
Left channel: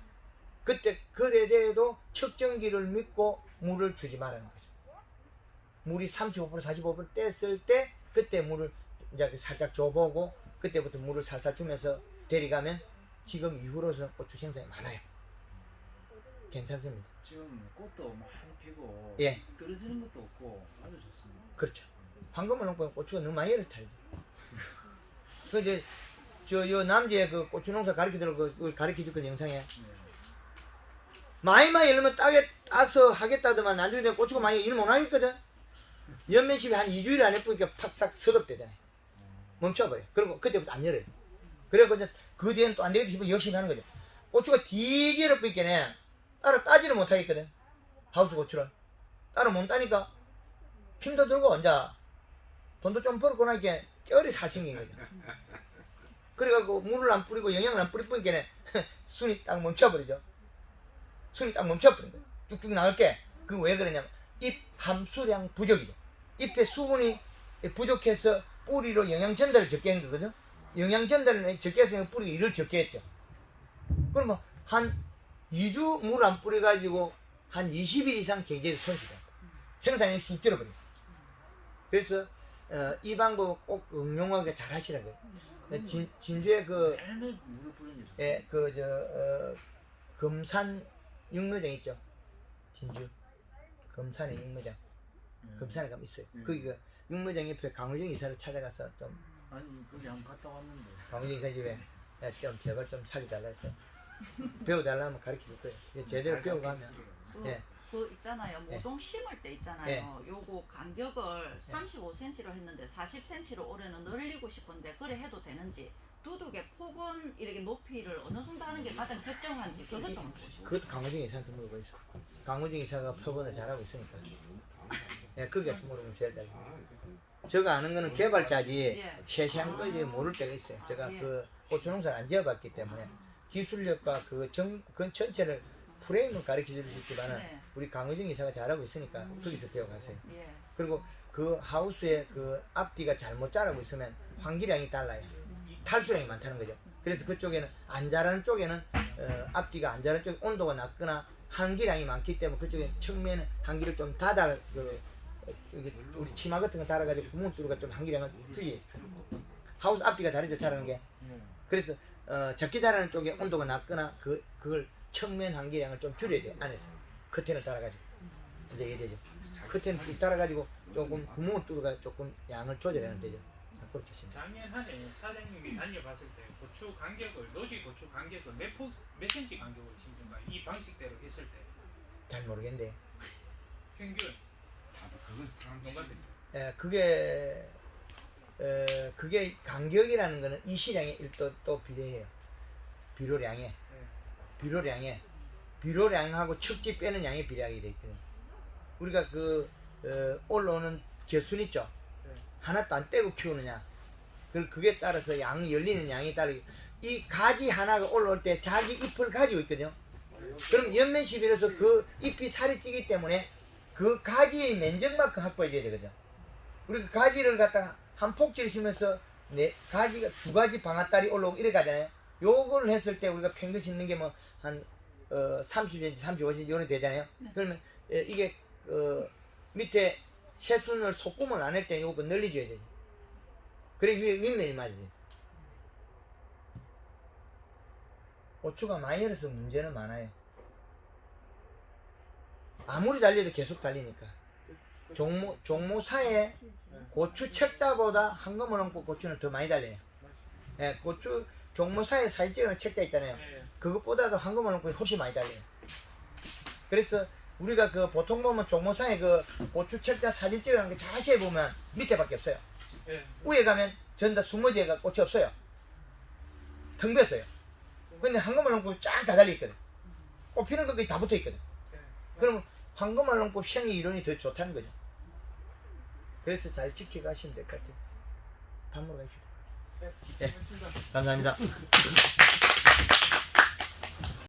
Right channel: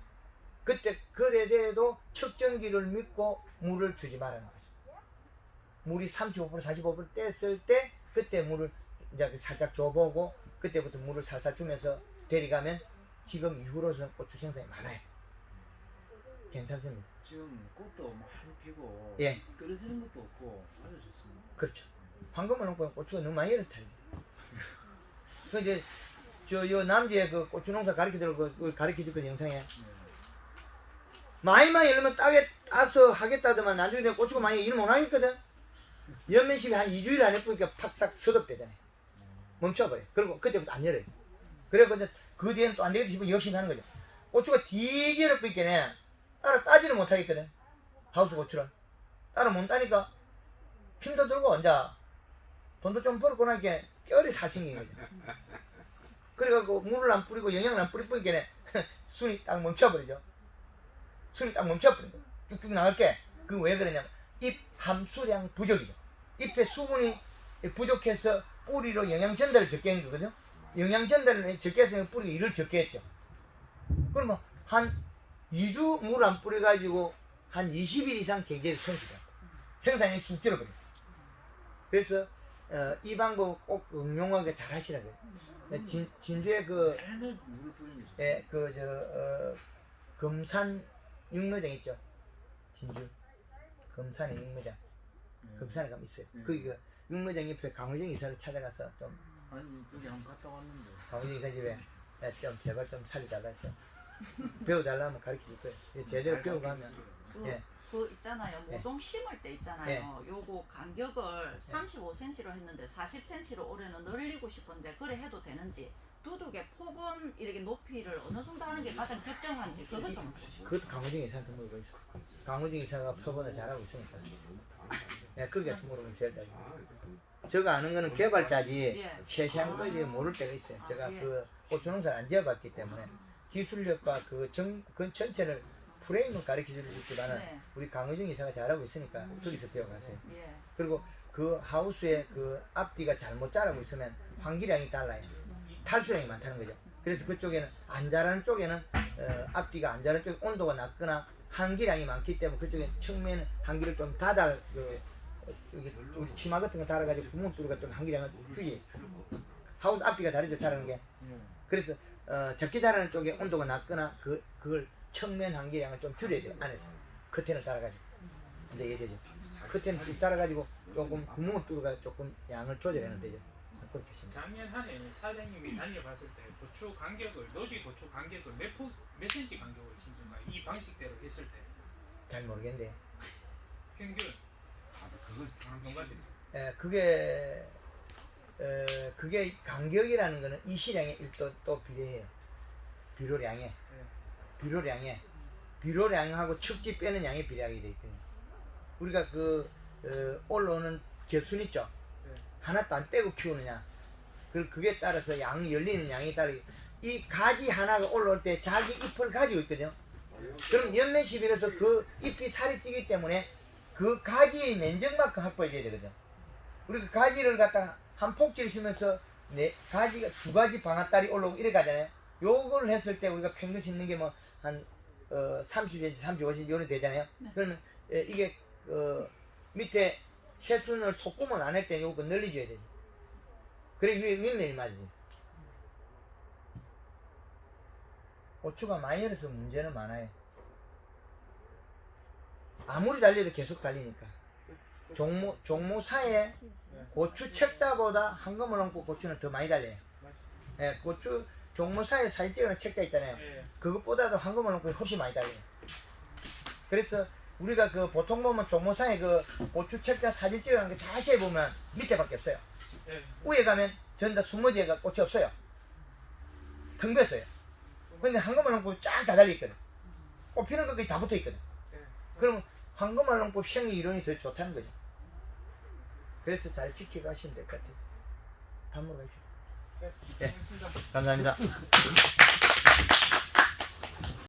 그때 그래도 측정기를 믿고 물을 주지 말라는 거죠. 물이 35% 45% 뗐을 때 그때 물을 이제 살짝 줘보고 그때부터 물을 살살 주면서 데려가면 지금 이후로서 고추 생산이 많아요. 괜찮습니다. 지금 꽃도 많이 피고 예. 떨어지는 것도 없고 아주 좋습니다. 그렇죠. 황금을 넣고 고추가 너무 많이 열어서 탈죠. 그 이제 요 남지에 그 고추 농사 가르치도록 그 가르쳐줄 그 영상에 네. 많이 이러면 따게 따서 하겠다더만 나중에 내가 고추가 많이 일 못 하겠거든. 연면십이 한 2주일 안 해보니까 팍싹 서럽대잖아. 멈춰버려. 그리고 그때부터 안 열어요. 그래서 이제 그 뒤에는 또 안 되겠다 싶으면 열심히 하는 거죠. 고추가 되게 어렵겠네. 따라 따지를 못 하겠거든. 하우스 고추를. 따라 못 따니까 힘도 들고 이제 돈도 좀 벌고 나니까 뼈리 살 생긴 거죠. 그래갖고 물을 안 뿌리고 영양을 안 뿌리니까 순이 딱 멈춰버리죠. 순이 딱 멈춰버린 거예요. 쭉쭉 나갈 게. 그 왜 그러냐면 잎 함수량 부족이죠. 잎에 수분이 부족해서 뿌리로 영양 전달을 적게 한 거거든요. 영양 전달을 적게 해서 뿌리가 일을 적게 했죠. 그러면 한 2주 물 안 뿌려가지고 한 20일 이상 경제를 손실해요. 생산량이 쑥 줄어버려요. 그래서 이 방법 꼭 응용하게 잘 하시라고요. 진주에 그, 매일 물을 뿌리는 거죠. 예, 금산 육묘장 있죠. 진주. 금산의 육묘장. 금산에 가면 있어요. 거기 그 육묘장 옆에 강호정 이사를 찾아가서 좀, 아니 거기 한번 갔다 왔는데. 강호정 이사 집에 야, 좀 제발 좀 살려달라 해서 배워달라면 가르쳐 줄 거예요. 제대로 배워가면. 예. 그 있잖아요. 네. 모종 심을 때 있잖아요. 요거 간격을 35cm로 했는데 40cm로 올해는 늘리고 싶은데 그래 해도 되는지 두둑의 폭은 이렇게 높이를 어느 정도 하는 게 가장 적정한지 그것 좀 보시고. 그것도 강호정 이사한테 물어보고 있어. 강호정 이사가 표본을 잘하고 있으니까. 예, 거기에서 물으면 제일 잘. 제가 아는 거는 개발자지 예. 세세한 거지 모를 때가 있어요. 제가 예. 그 고추농사를 안 지어봤기 때문에 기술력과 그 전체를 프레임을 가르쳐 줄 수 있지만은 네. 우리 강호정 이사가 잘하고 있으니까 거기서 배워가세요. 예. 그리고 그 하우스에 그 앞뒤가 잘못 자라고 있으면 환기량이 달라요. 탈수량이 많다는 거죠. 그래서 그쪽에는 안 자라는 쪽에는 앞뒤가 안 자라는 쪽에 온도가 낮거나 환기량이 많기 때문에 그쪽에 측면에 환기를 좀 닫아 여기 우리 치마 같은 거 달아가지고 구멍 뚫어가 좀 환기량을 주지. 하우스 앞뒤가 다르죠 자라는 게. 그래서 적게 자라는 쪽에 온도가 낮거나 그걸 측면 환기량을 좀 줄여야 돼요. 안에서 커튼을 달아가지고 이제 이래죠. 커튼을 쭉 달아가지고 조금 구멍을 뚫어가 조금 양을 조절하면 되죠. 그렇게 하시면 돼요. 작년 한 해 사장님이 달려봤을 때 고추 간격을 노지 고추 간격을 몇 센치 간격으로 심는가 이 방식대로 했을 때 잘 모르겠는데. 평균 그건 사람 농가들 그게 간격이라는 거는 이 시량에 또 비례해요. 비료량에. 비료량하고 척지 빼는 양에 비례하게 돼 있거든요. 우리가 올라오는 개순 있죠? 네. 하나도 안 떼고 키우느냐. 그게 따라서 양이 열리는 양에 따라 이 가지 하나가 올라올 때 자기 잎을 가지고 있거든요. 그럼 연면십이라서 그 잎이 살이 찌기 때문에 그 가지의 면적만큼 확보해줘야 되거든요. 우리가 가지를 갖다가 한 폭지를 심으면서 가지가 2가지 방앗달이 올라오고 이래 가잖아요. 요걸 했을 때 우리가 평균 심는 게 뭐 한 30cm, 35cm 요런 되잖아요. 네. 그러면 이게 밑에 새순을 속구멍을 안 할 때 요거 늘려줘야 되죠. 그래 위에 윗면이 맞아요. 고추가 많이 열어서 문제는 많아요. 아무리 달려도 계속 달리니까. 종모사에 고추 책자보다 한꺼번에 얹고 고추는 더 많이 달려요. 예, 고추 종모사에 사진 찍어놓은 책자 있잖아요. 네. 그것보다도 한꺼번에 얹고 훨씬 많이 달려요. 그래서 우리가 보통 보면 종모사에 고추 책자 사진 찍어놓은 거 자세히 보면 밑에밖에 없어요. 네. 위에 가면 전부 다 수머지에가 꽃이 없어요. 텅 뺐어요. 근데 한꺼번에 얹고 쫙 다 달려있거든. 꽃 피는 것까지 다 붙어있거든. 네. 그러면 황금알 얹고 생리 이론이 더 좋다는 거죠. 그래서 잘 지켜가시면 될 것 같아요. 밥 먹으러 가시죠. 네. 고맙습니다. 감사합니다.